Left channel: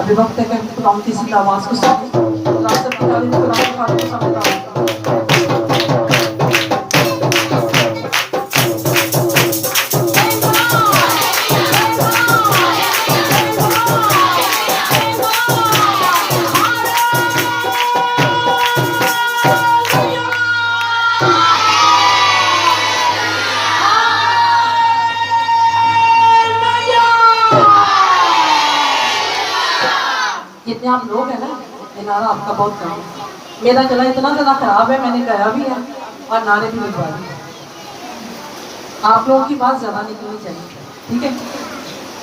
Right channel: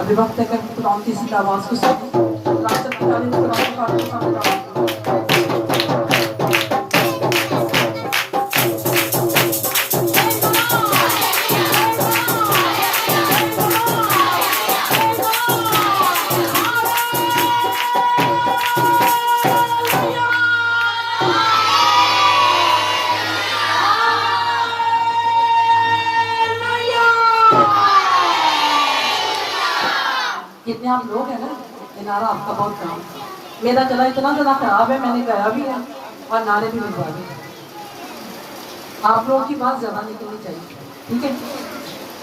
अभी वक्त है कि खुदा की आवाज को सुने। रात से पता नहीं खुदा की बात को समझता जितने आप लोग हैं ना, ये नारा आपका बहुत काम है। मेरा गला इतना ज़्यादा खराब है, मैंने गाया भी है और नारे भी बनवा दिए। आप लोगों की बात ज़्यादा निकलनी चाहिए, ठीक है?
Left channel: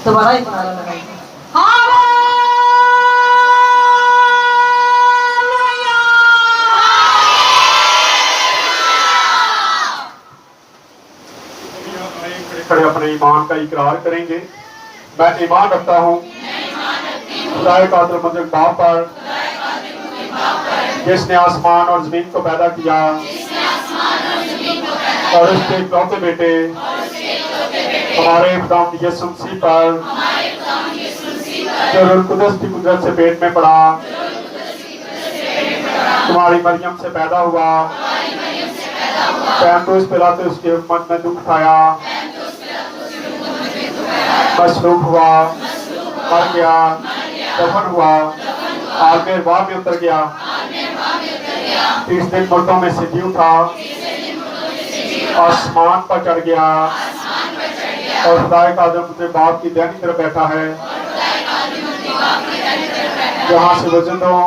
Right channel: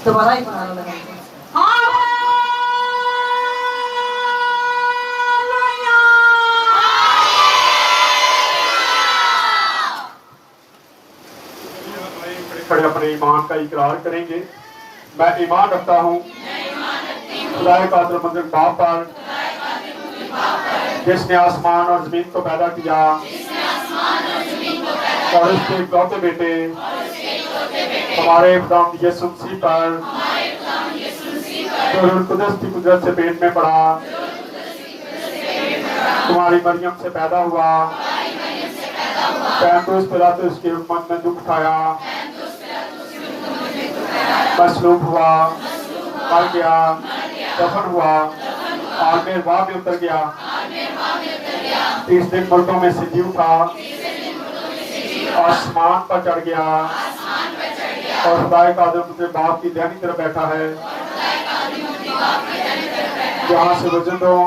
दोबारा एक नारा लगाइए। खड़े अपने ईमान का इकरार करेंगे। मैं ईमान रखता हूँ खुदाए कादिर मुतलक बाप पर, जिसने आसमान और जमीन को पैदा किया और उसके इकलौते बेटे हमारे खुदावंद यीशु मसीह पर, जो रूह कुदस की कुदरत से पेट में पड़ा, तुम्हारी मरियम से पैदा हुआ, पैंतुस पिलातुस की हुकूमत में दुख उठाया, मसलूब हुआ, मर गया, दफन हुआ, आगे वाह में उतर गया, 30 दिन मुर्दों में से जी उठा, आसमान पर चढ़ गया और खुदाए कादिर मुतलक बाप की दाहिनी तरफ बैठा है, जहाँ से वो जिंदों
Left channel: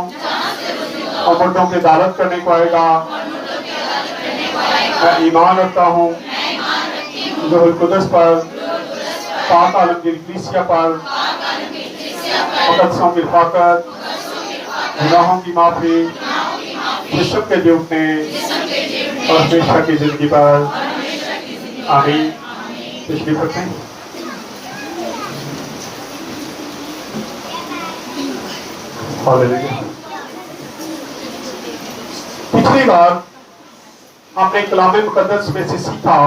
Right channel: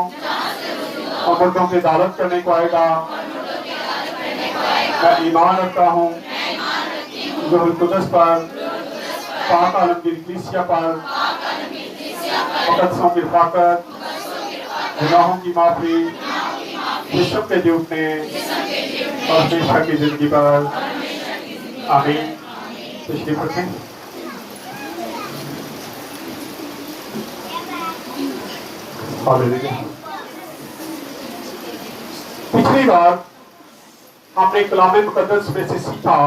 और मुर्दों की अदालत करने को आएगा। मैं ईमान रखता हूँ रूहुल कुदस पर, पाक आलमगीर कलीसिया पर, मुकद्दसों की हिफाजत, गुनाहों की माफी, जिस्म के जीतने और हमेशा की जिंदगी पर। आमीन। तशरीफ रखें। हालेलुया। पिछली बार हमने कलाम मुकद्दस में से सीखा,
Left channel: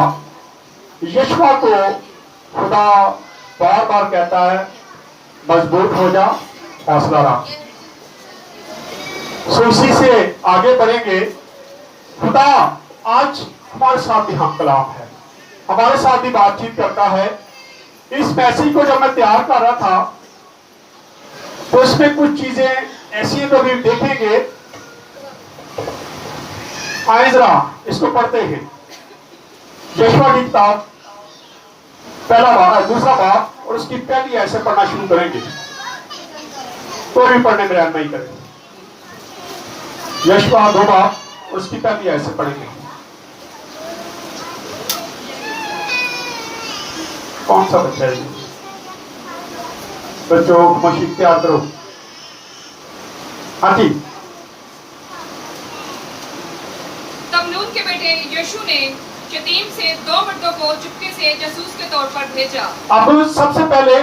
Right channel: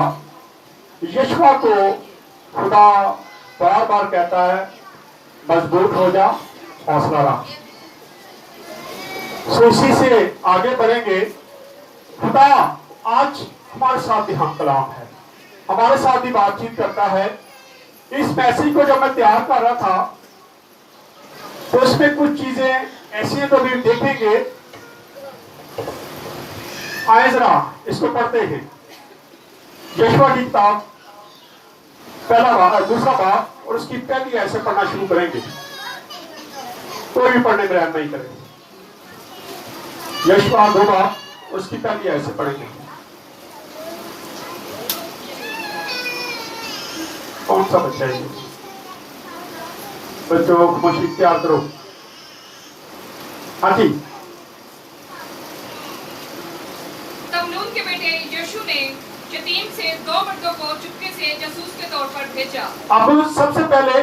यशवा को खुदा बार बार कहता है मजबूत हो जा, हौसला रख। सो इसी से आगे बढ़ेंगे। खुदा आज हमारे साथ भी हम कलाम है, हमारे साथ भी बातचीत करता है। इस मैसेज को जब मैं तैयार कर रहा था तो इसमें कुछ चीजें ऐसी हैं तो भी देखेंगे। आए जरा इसको पढ़ते हैं। यशवा की किताब पहला बाब, दूसरा बाब और उसकी पहली ऐसे पढ़ना शुरू करेंगे, तो भी पढ़ने में रहम नहीं करेंगे। यशवा 2 बाब उसकी पहली ऐसे पढ़ेंगे। कौन सा बच्चा है? बच्चों मुशीक तैयार करो। हाँ जी। तब नून के बेटे यीशु ने शतीम से 2 मर्दों को चुपके से जासूस के तौर पर भेजा। अब सबसे पहले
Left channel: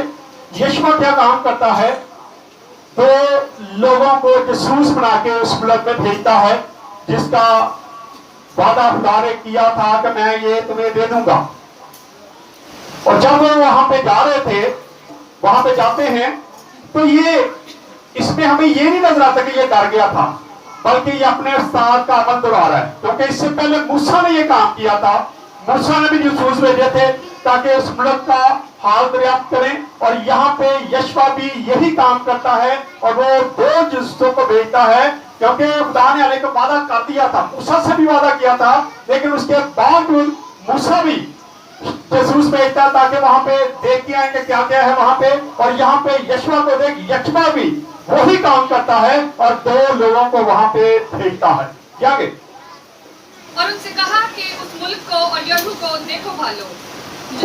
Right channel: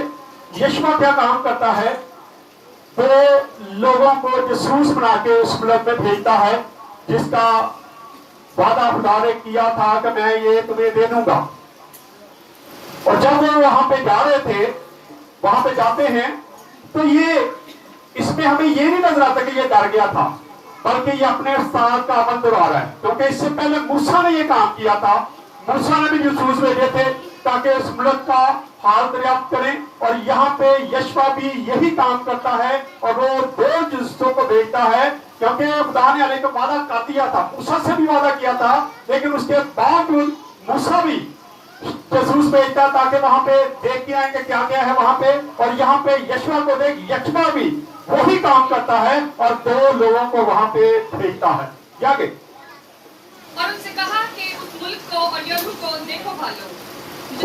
यशवा क्या काम करता है? वो लोगों को जासूस बना के उस मुल्क में भेजता है जिसका वादा खुदा ने किया था कि मैं ये तुम्हें दे दूंगा। और जब वो वहां पे जा रहे थे, वहां पे जाते हैं तो ये इसमें हमें ये नहीं नजर आता कि ये डर गया था, बल्कि ये अपने उस्ताद का अमल दोहरा रहा है। क्योंकि इससे पहले मूसा ने ये काम किया था। मूसा ने भी जासूस भेजे थे ताकि उस मुल्क का हाल दरियाफ्त करें, और यहाँ पे यशवा भी यही काम करता है और वो 2 जासूसों को भेजता है। क्योंकि खुदा ने अलग वादा कर दिया था, मूसा से भी वादा किया था, लेकिन उसके बावजूद मूसा भी जासूस भेजता ताकि वहां पे देख के आएंगे क्या क्या है वहां पे। और यहाँ पे यशवा को देख यशवा भी वही काम करता है और 2 लोगों को वहां पे भेजता है। आगे और उनसे कहा कि उस मुल्क को और यरू को देखो भालो,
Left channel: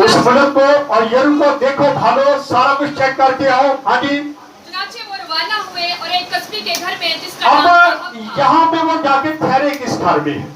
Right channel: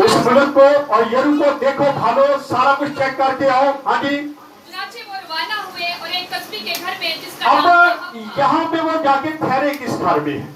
उस मुल्क को और यरू को देखो भालो, सारा कुछ चेक करके आओ। हाँ जी। चुनाचे वो रवाना हुए और एक कस्बे के घर में जिसका अब यहाँ पे वो जाके ठहरे किस घर में?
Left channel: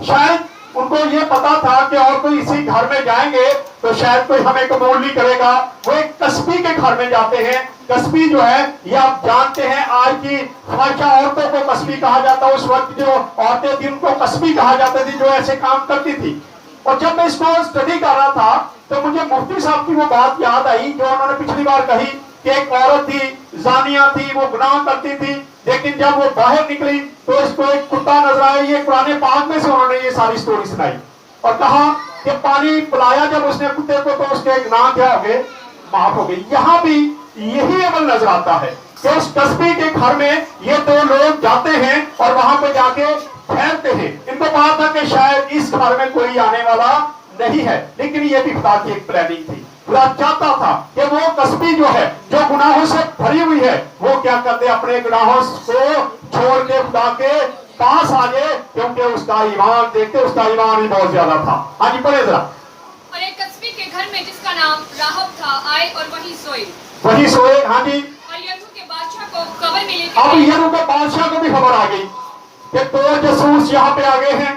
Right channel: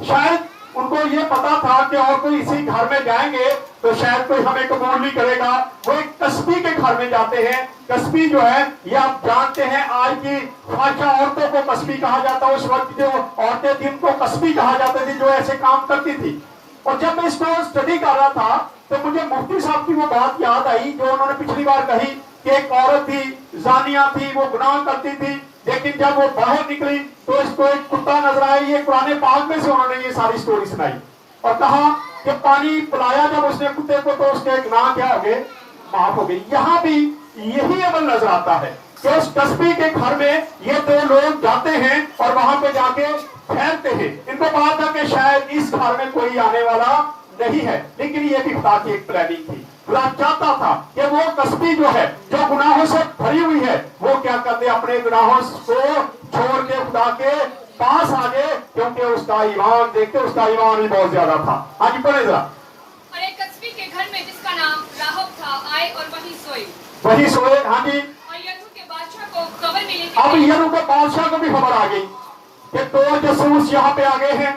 शायद उनको ये पता था कि और कोई इसी घर में जाएंगे तो शायद कोई हमें कबूल नहीं करेगा। वो एक कस्बी के घर में जाते हैं। कस्बी जो है ये आप जानते हैं, आज की ख्वाहिशा औरतों को कस्बी कहा जाता है। उस वक्त जो औरतें थी उनको कस्बी कहा जाता थी, जो ऐसे काम करती थी। और जब मैं इसको स्टडी कर रहा था तो मुझे मुफ्ती साहब की वो बात याद आई जो उन्होंने पिछली बार कही कि एक औरत थी, जानिया थी, वो गुनाह करती थी, लेकिन जब वो बाहर निकली तो इसको एक कुत्ता नजर आया। ये कुरान पाक में से उन्होंने ये सारी स्टोरी सुनाई और कहा कि पानी पिलाया जब उसने कुत्ते को तो उसके गुनाह क्या हो गए, माफ हो गए। यहाँ भी यही अमल नजर आता है कि उस तस्बीह के घर में ये दो लोग जाते हैं और वहां पे जाके ठहरते हैं। इनको कहा था कि शायद इस घर में कोई आने वाला नहीं है, लेकिन ये भी खुदा की एक प्लानिंग थी। खुदा चाहता था कि वो कस्बी जो है, जो गुनाहों से भरी हुई है, वो क्या करते, अपने गुनाहों को छोड़ के खुदा के पास आ जाए, क्योंकि उसका ईमान देखते, उसका ईमान ही बहुत ज्यादा था। हाँ जी, पढ़े जरा। और एक कस्बी के घर में जिसका नाम राहब था आए और वही सोए। हाँ जी। और यहू के बादशाह को खबर मिली अब यहू के बादशाह को भी खबर आ गई कि दो जासूस यहाँ पे आ गए हैं,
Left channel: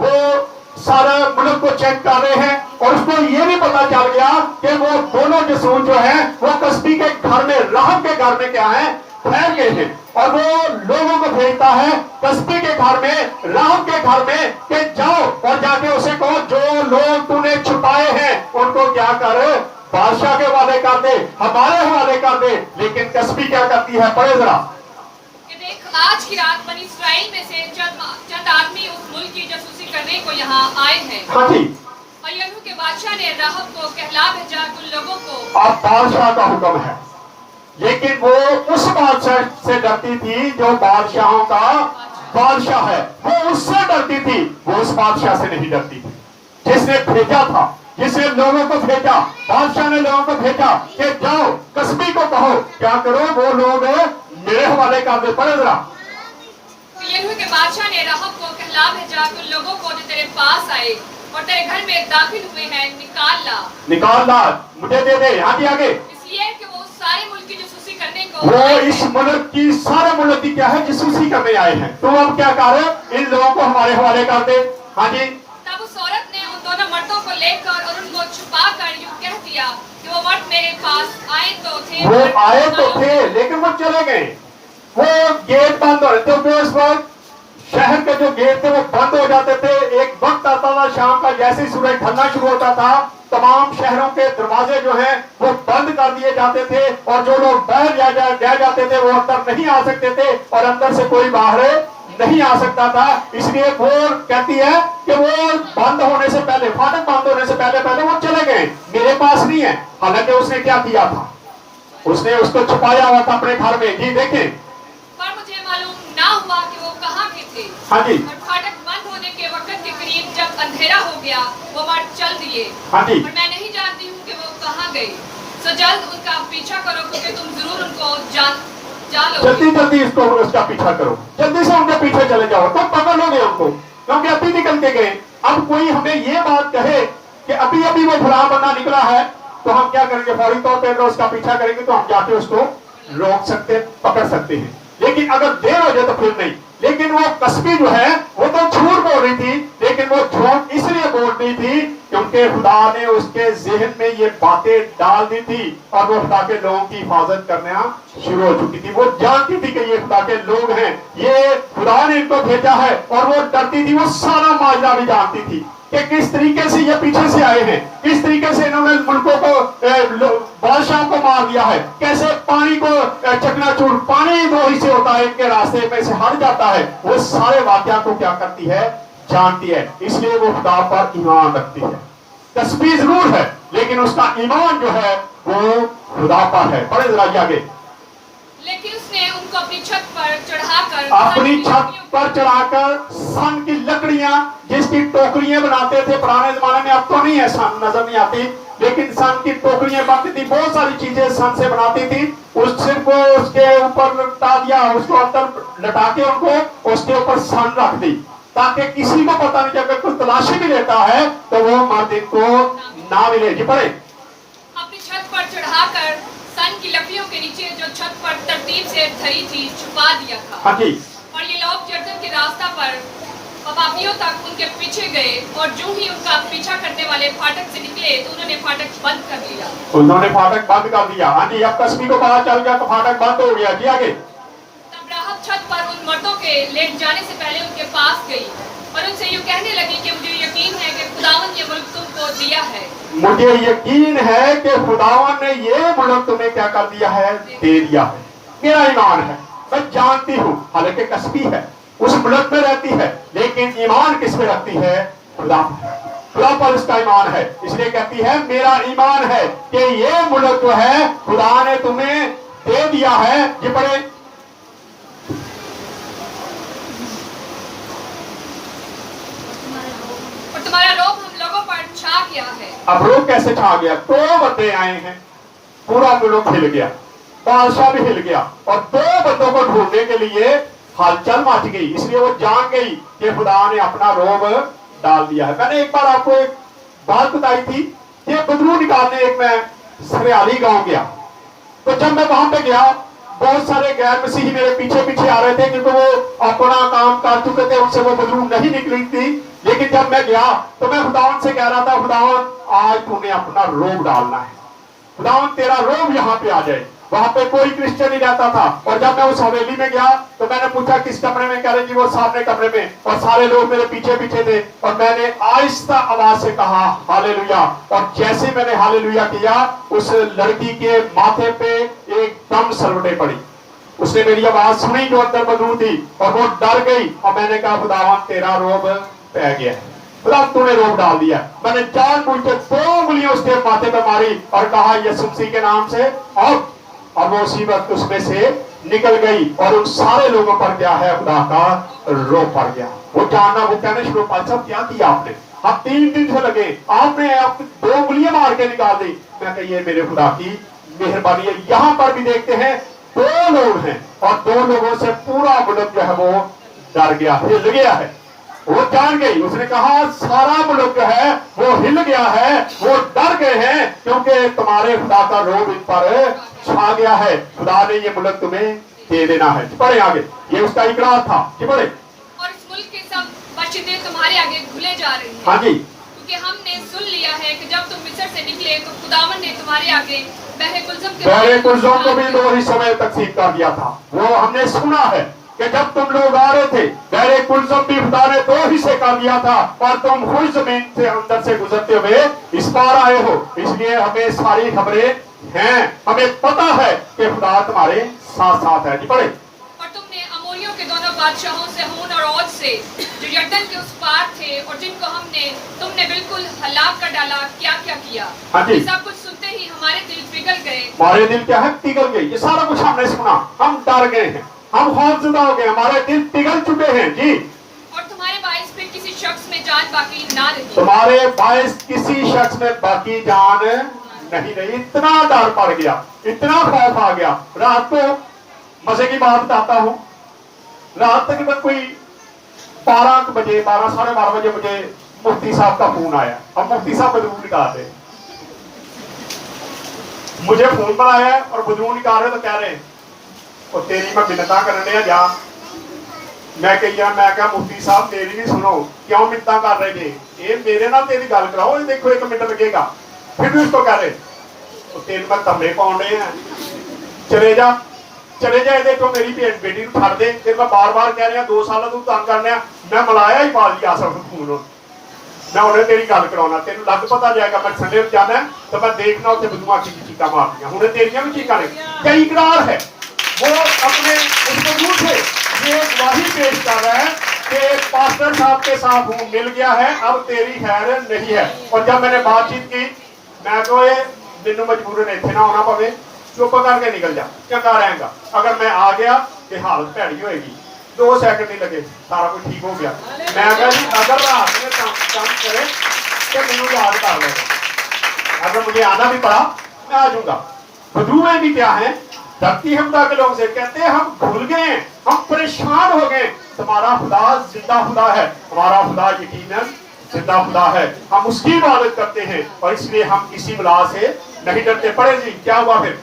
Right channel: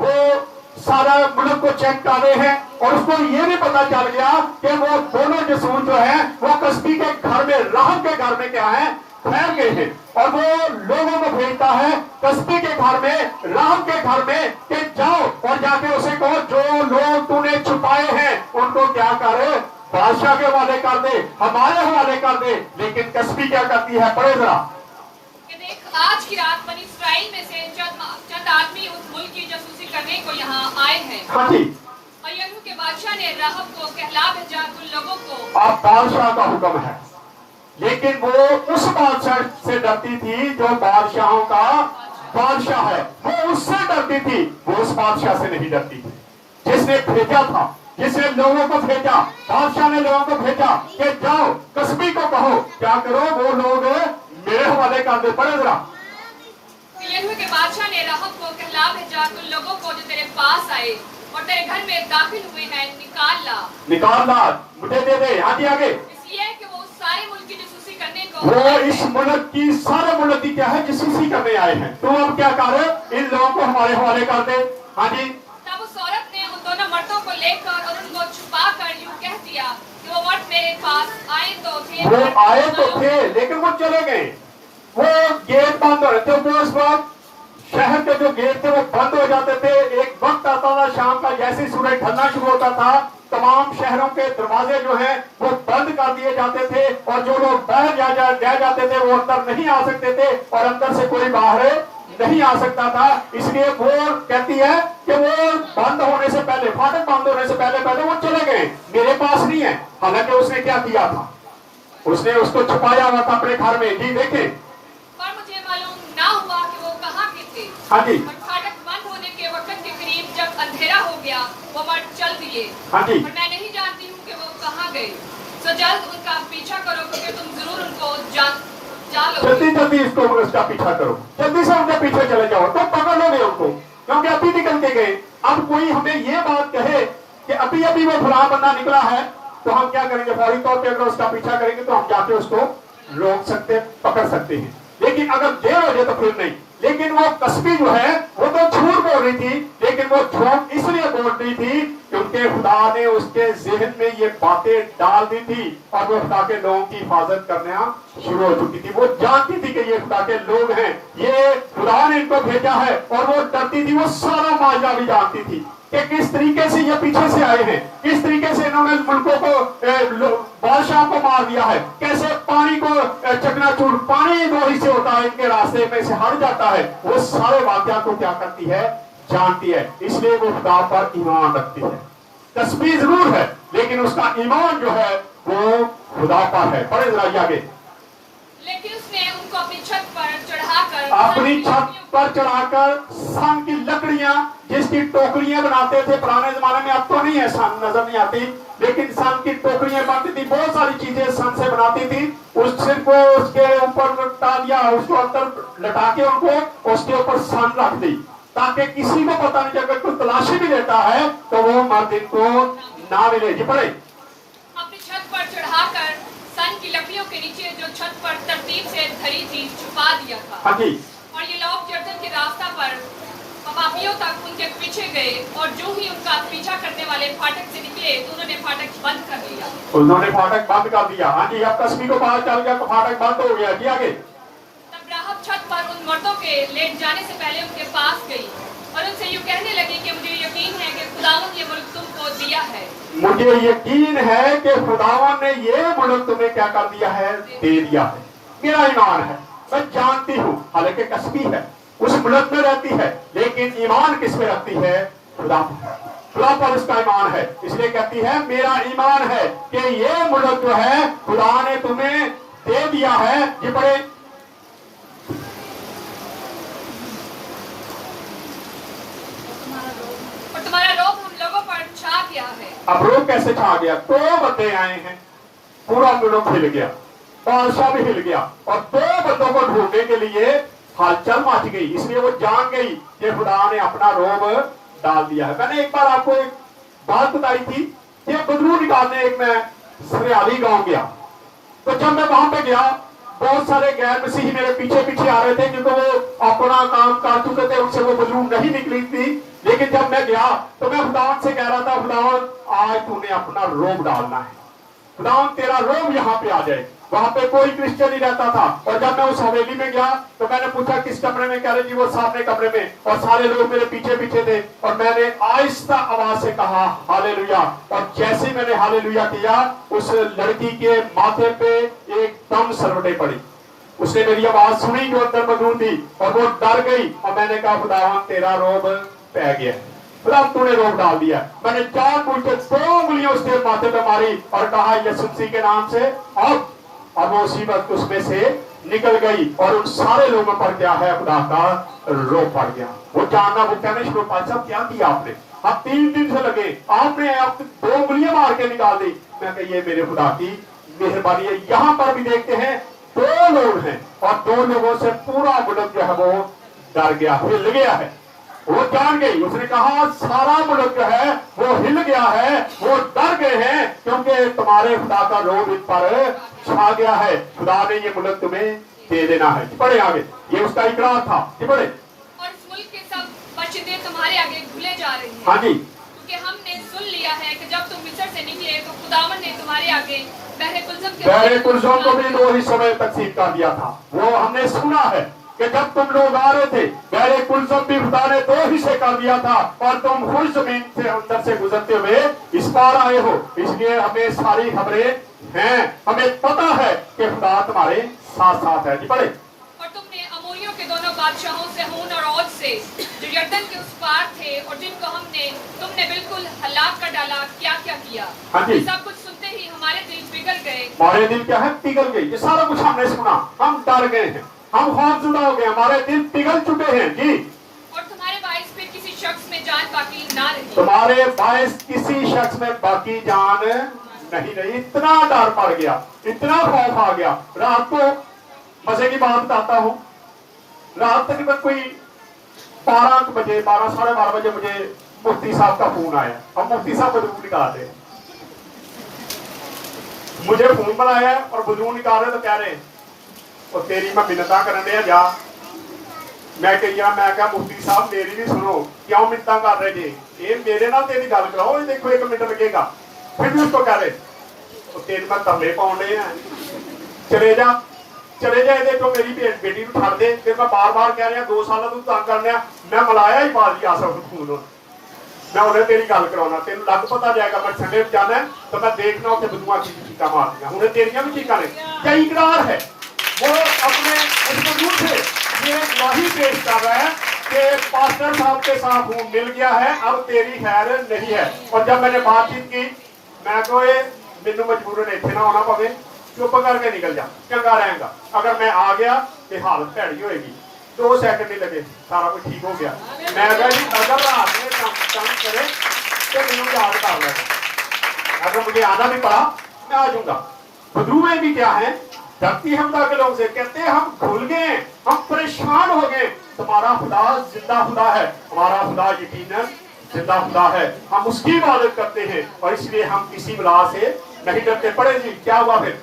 वो सारा मुल्क को चेक कर रहे हैं और उसको ये भी पता चल गया कि वो दोनों जासूस जो हैं वो कस्बी के घर में, राहब के घर में क्या है, ठहर गए हैं। और वो लोगों को भेजता है कस्बी के घर में, राहब के घर में, कि जाओ और जाके उसे कहो जो लोग तूने छुपाए हैं उनको क्या करे, बादशाह के हवाले कर दे, हमारे हवाले कर दे। लेकिन कस्बी क्या करती है, पढ़े जरा। आज की रात बनी इस्राएल में से चंद आदमी उस मुल्क की जासूसी करने को यहाँ आए हैं। हाँ जी। और यहू के बादशाह ने राहब को कहला भेजा उन लोगों को। अब बादशाह का हुक्म है, लेकिन वो उस बादशाह से डरती थी जो बादशाहों का बादशाह है, वो उससे डरती थी, वो उस बादशाह से नहीं डरती थी जिसने भेजा था, जिसने लोगों को भेजा। बादशाह ने लोगों को भेजा कि जाओ कस्बी को कहो क्या करो, वो लोग मेरे हवाले कर दे। पढ़े जरा। यहू के बादशाह ने राहब को कहला भेजा उन लोगों को जो तेरे पास आए और तेरे घर में दाखिल हुए हैं, निकाल ला मुझे दे दे। आगे आगे। इसलिए कि वो सारे मुल्क की जासूसी करने को, वो इस मुल्क की, सारे मुल्क की क्या है, जासूसी करने आए हैं। तुम अब क्या करो, इन लोगों को हमारे हवाले कर दे। हाँ जी। तब उस औरत ने उन दोनों मर्दों को लेकर और उनको छुपा कर यूं कह दिया कि वो मर्द मेरे पास आए तो थे, वो आए तो थे लेकिन वो चले गए। वो गेट बंद हो रहे थे, वो उस वक्त शहर के जो गेट थे वो बंद हो जाते थे। एक वक्त आता था शाम का, जैसे ही सूरज ढलना शुरू होता था तमाम शहरों के दरवाजे जो हैं वो बंद कर दिए जाते थे और जो लोग बाहर जा जाते थे वो अंदर नहीं आ सकते थे और अंदर से कोई बाहर नहीं आ सकता था। इसलिए वो कहती है कि वो बंद होने से पहले, फाटक बंद होने से पहले वो चले गए, मेरे पास नहीं है। हालांकि उसने क्या किया था, उसने उसको छुपाया हुआ था अपने घर में। जी देखे। पर मुझे मालूम ना हुआ कि वो कहाँ के थे। हाँ जी। और फाटक बंद होने के वक्त के करीब जब अंधेरा हो गया वो मर्द चल दिए। हाँ जी। और मैं नहीं जानती हूँ कि वो कहाँ गए। तो जल्द उनका पीछा करो क्योंकि तुम जरूर उनको जान जल्दी इसको उसका पीछा करो, जल्दी से उनके पीछे चले जाओ, तो पकड़ लोगे उनको, क्योंकि अभी निकल के गए। अब कोई हमें ये बात कहे कि अभी अभी वो फलां बंदा निकला है तो हम क्या करेंगे, फौरी तौर पर उसका पीछा करेंगे तो हम जाके उसको रोक सकते, पकड़ सकते हैं। लेकिन अगर देर हो जाए तो फिर नहीं। लेकिन वो कस्बी जो है वो तो झूठ बोल रही थी, लेकिन वो झूठ इसलिए बोल रही थी क्योंकि खुदा ने उसके जहन में ये बातें डाल दी थी और वो खुदा के लोगों की हिफाजत करना शुरू हो चुकी थी। वो जानती थी कि ये खुदा के लोग हैं, ये खुदा ने इनको भेजा है, और वो डरती थी। वो सारा माजरा भी जानती थी कि किस तरीके से ये पीछे से आए हैं, किस तरीके से इन्होंने मुल्कों को, बादशाह को मार दिया है, कैसे पानी को चकनाचूर, पानी दो ही से होता है, इनके रास्ते में से हट जाता है। वो सारे वाकया को क्या करती है, जानती है। इसलिए वो खुदा पर ईमान रखती है। कस्बी जरूर है लेकिन उसका ईमान जो है वो खुदा पर है। पढ़े जरा आगे। लेकिन उसने उनको अपनी छत पर चढ़ाकर, अपनी छत पर चढ़ाकर सन की लकड़ियां, जिसकी टोकरियां बनाते थे पुराने जमाने में, अब तो नहीं है, सन नजर नहीं आती, लेकिन सन की टोकरियां बनती थी, बहुत सारी चीजें सन से बनाती थी। उस सिर को उसके ऊपर लटा दिया, उसको अंदर लटा के उनको उसके ऊपर सन रख दी, ताकि किसी को पता नहीं, अगर कोई तलाशी भी लेता है तो वो मर्द इनको ना मिले। जी पढ़े। अपनी छत पर चढ़ाकर सन की लकड़ियों के नीचे जो छत पर तरतीब से धरी थी छुपा दिया था। हाँ जी। और ये लोग यरदन के रास्ता पर पापियों तक उनके पीछे गए और जो ही उनका पीछा करने वाले फाटक से निकले तो उन्होंने फाटक बंद कर दिया। उन्होंने फाटक बंद कर दिया। हाँ जी। अब कस्बी को पता चल गया तो फाटक बंद हो गया। जी आगे। तब राहब छत पर उन मर्दों के लेट जाने से पहले उनके पास गई और उनसे यूं कहने लगी कि मुझे यकीन है कि खुदावन ये मुल्क तुमको दिया है। मुझे यकीन है कि खुदावन ने ये मुल्क तुम्हें क्या कर दिया है, दे दिया है। मेरा ईमान है, मैं जानती हूँ, हालांकि कसबी है, उस मुल्क में रहती है, लेकिन ईमान किस में रखती है, खुदा पर। खुदा पर इसका ईमान है, इसलिए कहती है मेरा ईमान है कि ये मुल्क जो है खुदा ने तुम्हें दे दिया है। ये बड़े और तुम्हारा रोब हम लोगों पर छा गया है। अब रोग कैसे छा गया? 2 बंदे आए हैं, पूरा मुल्क हिल गया, बादशाह भी हिल गया, और 2 बंदों को ढूंढने के लिए हलचल मच गई। इसलिए वो जान गई कि खुदा ने अपना रोब डाल दिया है। मैंने एक बार आपको एक बात बताई थी, ये बदरू निकालने एक मैं सरियाली गांव गया, तो जब मैं वहां पे गया बहुत सारे गैर मसीही मेरे पीछे पीछे आ रहे थे, क्योंकि वो अपना काम कर चुके थे, उनसे वो बदरू नहीं निकली थी। लेकिन जब मैं गया तो मैं खुदावन से कह रहा था, खुदावन आज तूने अपना रोब डालना है, खुदावन तेरा रोब यहाँ पे आ जाए। वहां पे कोई क्रिश्चियन नहीं रहता था, और जब मैं उस हवेली में गया तो मैंने पूछा किस कमरे में, कह रहे जी वो सामने कमरे में, और सारे लोग मेरे पीछे पीछे थे। और मैंने आहिस्ता आवाज से कहा हालेलुया, और जैसे मैंने हालेलुया किया उस लड़की के माथे पे एकदम सरवटे पड़ी। उसने मेरी आवाज सुनी जो अंदर मौजूद थी, और वो डर गई, और मैंने कहा खुदावन तेरा रोब पै गया है, खुदा तूने रोब डाल दिया। मैंने जानबूझ के 2 उंगलियां उसके माथे पे मारी और कहा यीशु मसीह के नाम से, और वो उसी वक्त उसमें से निकल गई, और उन सारे लोगों पर क्या है, खुदा का रोब पड़ गया। वो जानना, वो कहने शुरू, भाई साहब क्या किया आपने, आप 3 दिन से लगे, आपने आप 2 उंगलियां मार के निकाल दी। मैं कही ये मेरे खुदा की मेहरबानी है। यहाँ पर भी देखते हैं 2 लोग हैं, और 2 लोगों से पूरा मुल्क जो है वो डर गया, हिल गया है। वो जान गई, उसने कहा सारा मुल्क जो है वो हिल गया है, वो डर गए हैं, क्योंकि तुम्हारे खुदा का रोब इन पर छा गया है। खुदा ने ये मुल्क तुम्हें दे देना है। पढ़े आगे, ये उसका इकरार था। पढ़े, और इस मुल्क के सब मस्जिदें तुम्हारे आगे खुले जा रही हैं। हाँ जी, क्योंकि हमने सुन लिया है कि जब तुम मिस्र से निकले तो खुदावन ने तुम्हारे आगे बहरे कुलज़म को भी 2 हिस्सों में तकसीम कर दिया था। वो हमने सुना है कि जब तुम लोग आ रहे थे, बहरे कुलज़म भी खुदा ने 2 हिस्से कर दिया था, और तुम खुद जमीन से अंदर से गुजरते हुए इस पार आए हो। इसलिए हमें सारी खबरें हैं, हमें पता है कि खुदा तुम्हारे साथ साथ है। जी पढ़े, और तुमने अमोरियों के दोनों बादशाहों सेहोन और औज से जो यरदन के उस पार थे, और जिनको तुमने बिल्कुल हलाक कर डाला, क्या क्या किया। हाँ जी, सब कुछ सुनते ही हमारे दिल पिघल गए। हमारे दिल क्या है, पिघल गए। ये सारा कुछ हमने सुना, हम डर गए हैं, हम खौफजदा हो गए, हमारे दिल पिघल चुके हैं। जी, और तुम्हारे बाइस फिर किसी शख्स में जान बाकी ना रही। तुम्हारे बाइस किसी शख्स में बाकी जान नहीं रही। इतना डर पड़ गया, इतना खौफ आ गया। रात को मजे की बात बताता हूँ, रात तक कोई 12 बजे, 12 साढ़े 12 बजे मुझे मुफ्ती साहब का फोन आया। हम मुफ्ती साहब बदरू निकालते, मुझे फोन बनाया और बदरू निकाल रहे तो कह रहे और तेरी मैं मिन्नता करने जा। मैं क्या मुफ्ती साहब मेरी नहीं सुनो, क्यों मिन्नता कर रहे थे, ये मेरे नाल तेरी गल कराओ, देखो 1 मिनट लगेगा। फिर भी उसको कह रहे तो तेन मैं तमले पाने हैं, चले जा ये तो मेरी बेटी को छड़ दे। फिर मैं बार बार कह रहा 2 साल तू तंग करने, मैं मलाया ही पाल दिया सब खून, मैं उन्हें तेरी गल कराना, तेन लग पता जाएगा मैं संडे में जाना तो मैं देखना उत्थे बदूआ की चीका मारनिया, हूं तेरिया भी चीका ने। क्या इकरार है, वो अपने उस बदू से ये गवाही पेश कर रहा है कि पास्टर साहब के साथ हूं मिल गया है, अब तेरी खैर नहीं है। और जब मैंने बातचीत की, मैं तो ये मैनू मजबूरन इत्थे ना होना पवे, चुप करके निकल जा, चंगा रहेगा। अगर मैं आ गया तो हालत भैड़ी होएगी। 2 सेकंड नहीं लगे, सारा कुछ ठीक हो गया। मैं कहा जी अगर रात में काम करे तो मैनू याद कर लेगा, अगर मुझे आना भी पड़ा मैं आ जाऊंगा। बदरू में भी क्या है, धरती हमदा के लोग से कहते हैं हम भूल गए, हम परेशान हो गए। तुम्हारा खुदा जिंदा खुदा है, हमारा खुदा यकीनन जिंदा खुदा है, हम उसकी इबादत करते हैं, और इसलिए हम किसी बला से नहीं डरते। पढ़े जी क्या हुआ फिर,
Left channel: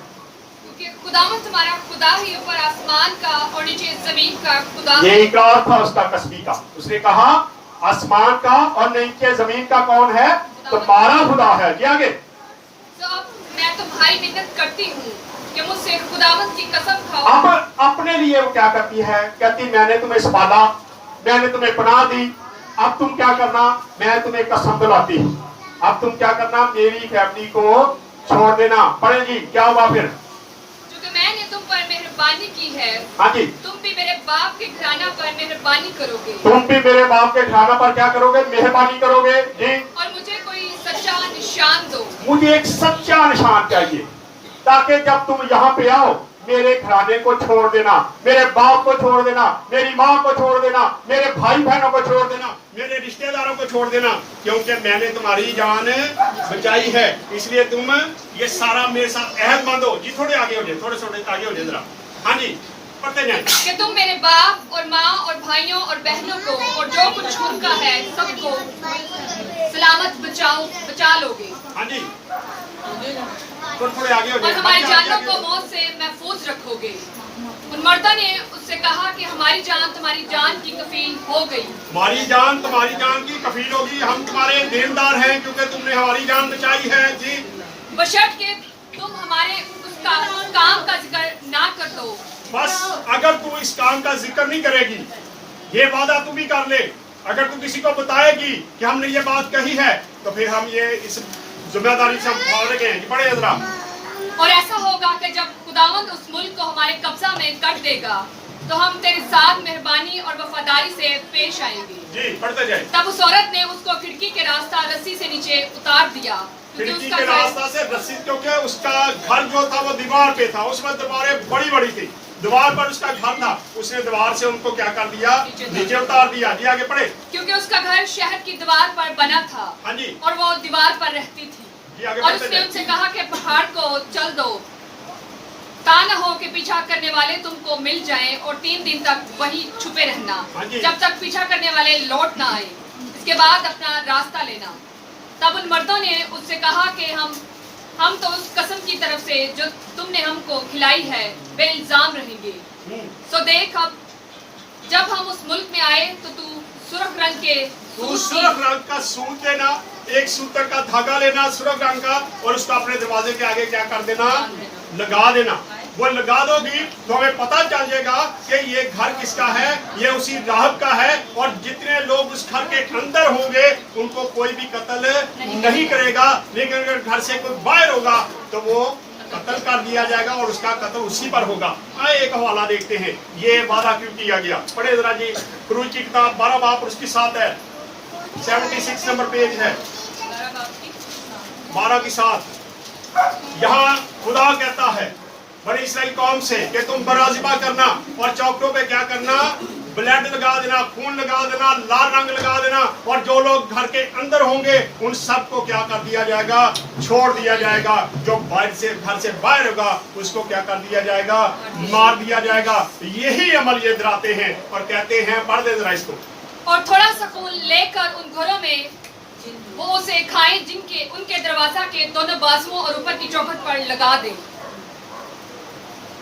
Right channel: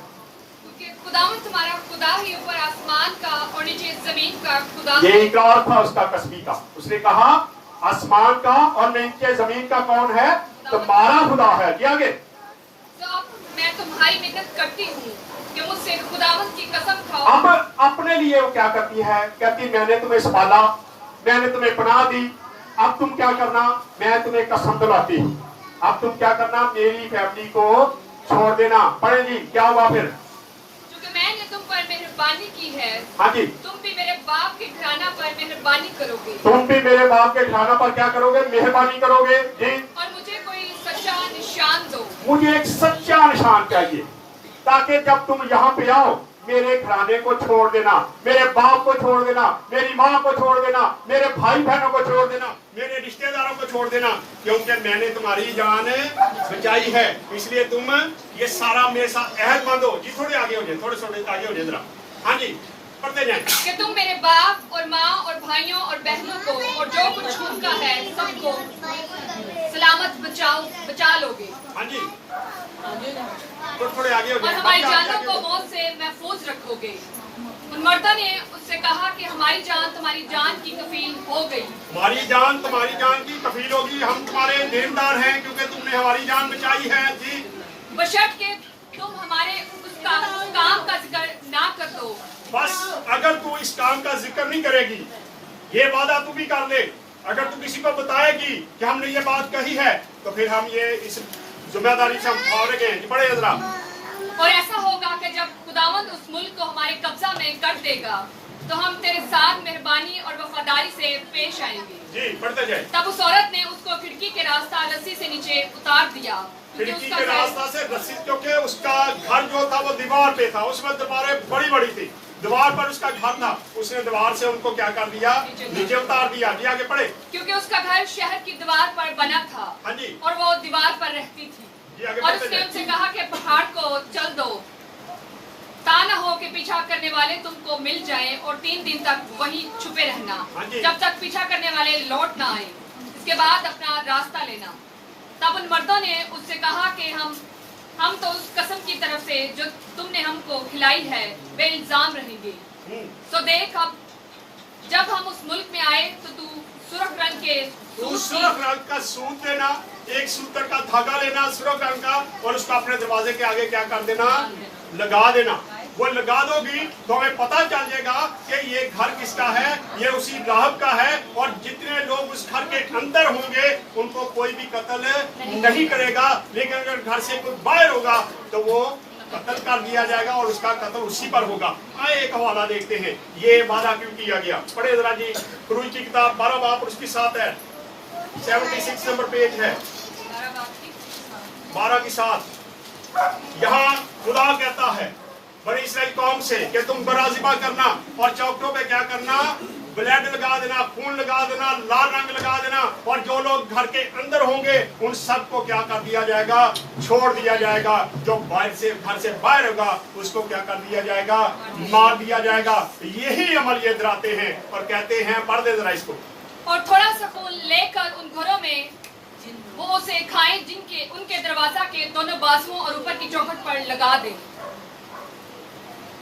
खुदावन तुम्हारा खुदा ही ऊपर आसमान का और नीचे जमीन का खुदा। ये इकरार था उसका कसबी का। उसने कहा आसमान का और नीचे जमीन का कौन है, तुम्हारा खुदा है। जी आगे, तो अब मैं तुम्हारी मिन्नत करती हूँ कि मुझसे खुदावन की कसम खाओ। अब अपने लिए वो क्या करती है, कहती मैंने तुम्हें संभाला, मैंने तुम्हें पनाह दी, अब तुम क्या करना, मैं तुम्हें कसम दिलाती हूँ, अब तुम क्या करना, मेरी फैमिली को छोड़ देना। पढ़े जी, क्या हुआ फिर? क्योंकि मैंने तुम पर मेहरबानी की है, हाँ जी, तुम भी मेरे बाप के घराना पर मेहरबानी करोगे तुम भी मेरे बाप के घराना पर क्या करोगे, मेहरबानी करोगे जी। और मुझे कोई सच्चा निशान दो। मुझे एक सच्चा निशान चाहिए, ताकि जब तुम यहाँ पे आओ मेरे घराने को छोड़ देना, मेरे बाप को छोड़ देना, मेरी माँ को छोड़ देना, मेरे भाई बहनों को छोड़ देना, मेरे रिश्तेदारों को छोड़ देना, क्योंकि मैंने तुम्हारी जान बचाई है। इसलिए तुम ये सारा मेरे साथ अहद हो जी। थोड़े आगे हो जाए, थोड़े आगे हो जाए जरा। हाँ जी, पढ़ते जाए। कि तुम मेरे बाप और माँ और भाइयों और बहनों को और जो कुछ उनका है सबको सलामत बचा लोगे। हाँ जी, थोड़े आगे हो और जाए। हमारी जानों को मौत से महफूज रखोगे। उन मर्दों ने उससे कहा कि हमारी जान तुम्हारी जान की कफील हो गई। हमारी जान तुम्हारी जान की कफील होगी, हम तुम्हारे देनदार हैं क्योंकि तुमने हमारी जान बचाई है जी। बशर्ते कि तुम हमारे उसका काम का जिक्र ना कर दो। बस अगर तू इस काम का जिक्र नहीं करेगी, ये वादा तू भी कर ले, अगर तू किसी को बताएगी कि हमने ये बात कही है, तो फिर हम ये इस जिम्मेदारी से हम फाड़ गए हैं। बड़े जरा। और ऐसा होगा कि जब खुदावंद उस मुल्क को हमारे कब्जा में कर देगा तो हम तेरे साथ मेहरबानी और वफादारी से पेश आएंगे जी। पढ़ते जाए। तब उस औरत ने उसको खिड़की के रास्ता रस्सी से नीचे उतार दिया, क्योंकि खिड़की उसका के घर रास्ता से रस्सी, क्योंकि उसका घर जो था वो दीवार पे था, उसमें दीवारें बड़ी बड़ी थी, दीवार पर उसका घर था, उसने दीवार से उनको क्या कर दिया, नीचे उतार दिया जी। आगे पढ़े। क्योंकि उसका घर शहर की दीवार पर बना था। हाँ जी, और वो दीवार पर रहती थी। जी आगे और बढ़ते उसने जाए। उनसे कहा कि पहाड़ को चल दो, ता न हो कि पीछा करने वाले तुमको मिल जाएं और 3 दिन तक वही छुपे रहना, हाँ जी। जब तक पीछा करने वाले लौट ना आए, इसके बाद अपना रास्ता लेना। तब उन मर्दों ने उससे कहा कि हम तो उस कसम की तरफ से जो तुमने हमको खिलाई है वे इल्जाम रहेंगे। सो देख, अब जब हम उस मुल्क में आए तो तू सुर्ख रंग के सुर्ख रंग का सूत लेना, एक सूतर का धागा लेना सुर्ख रंग का, और उसको अपने दरवाजे के आगे क्या कर देना, लगा देना। वो लगा दोगी तो हमें पता चल जाएगा कि ये घर किसका है, ये उसी राहब का है, और जितने लोग उस घर के अंदर होंगे उनको कोई भी कत्ल नहीं करेगा, लेकिन अगर घर से कोई बाहर होगा तो वो कत्ल कर दिया जाएगा और उसका कत्ल उसी पर होगा। आए एक हवाला देखते हैं, ये वादा क्यों किया गया। पढ़े जरा जी। खुरूज की किताब 12 बाब और उसकी 7 है, 76 नंबर पेज है, 12 की 7। यहाँ खुदा कहता है बड़ी इसराइल कौम से कि तुम बराजिबा करना और चौकों पे क्या करना, ब्लड लगा देना, खून लगा देना, लाल रंग लगा देना, और जो लोग घर के अंदर होंगे उन सबको क्या कर दिया जाएगा, छोड़ दिया जाएगा। जो बाहर से घर से बाहर होगा उसको क्या कर दिया जाएगा, मार दिया जाएगा। यही अमल ये डराते हैं और कहते हैं, पढ़ दे जरा इसको। और थोड़ा सा खून लेकर उन घरों में वो उसे खाएं जिनके उनके दरवाजा के दोनों बाजुओं और ऊपर की चौखट पर लगा दे।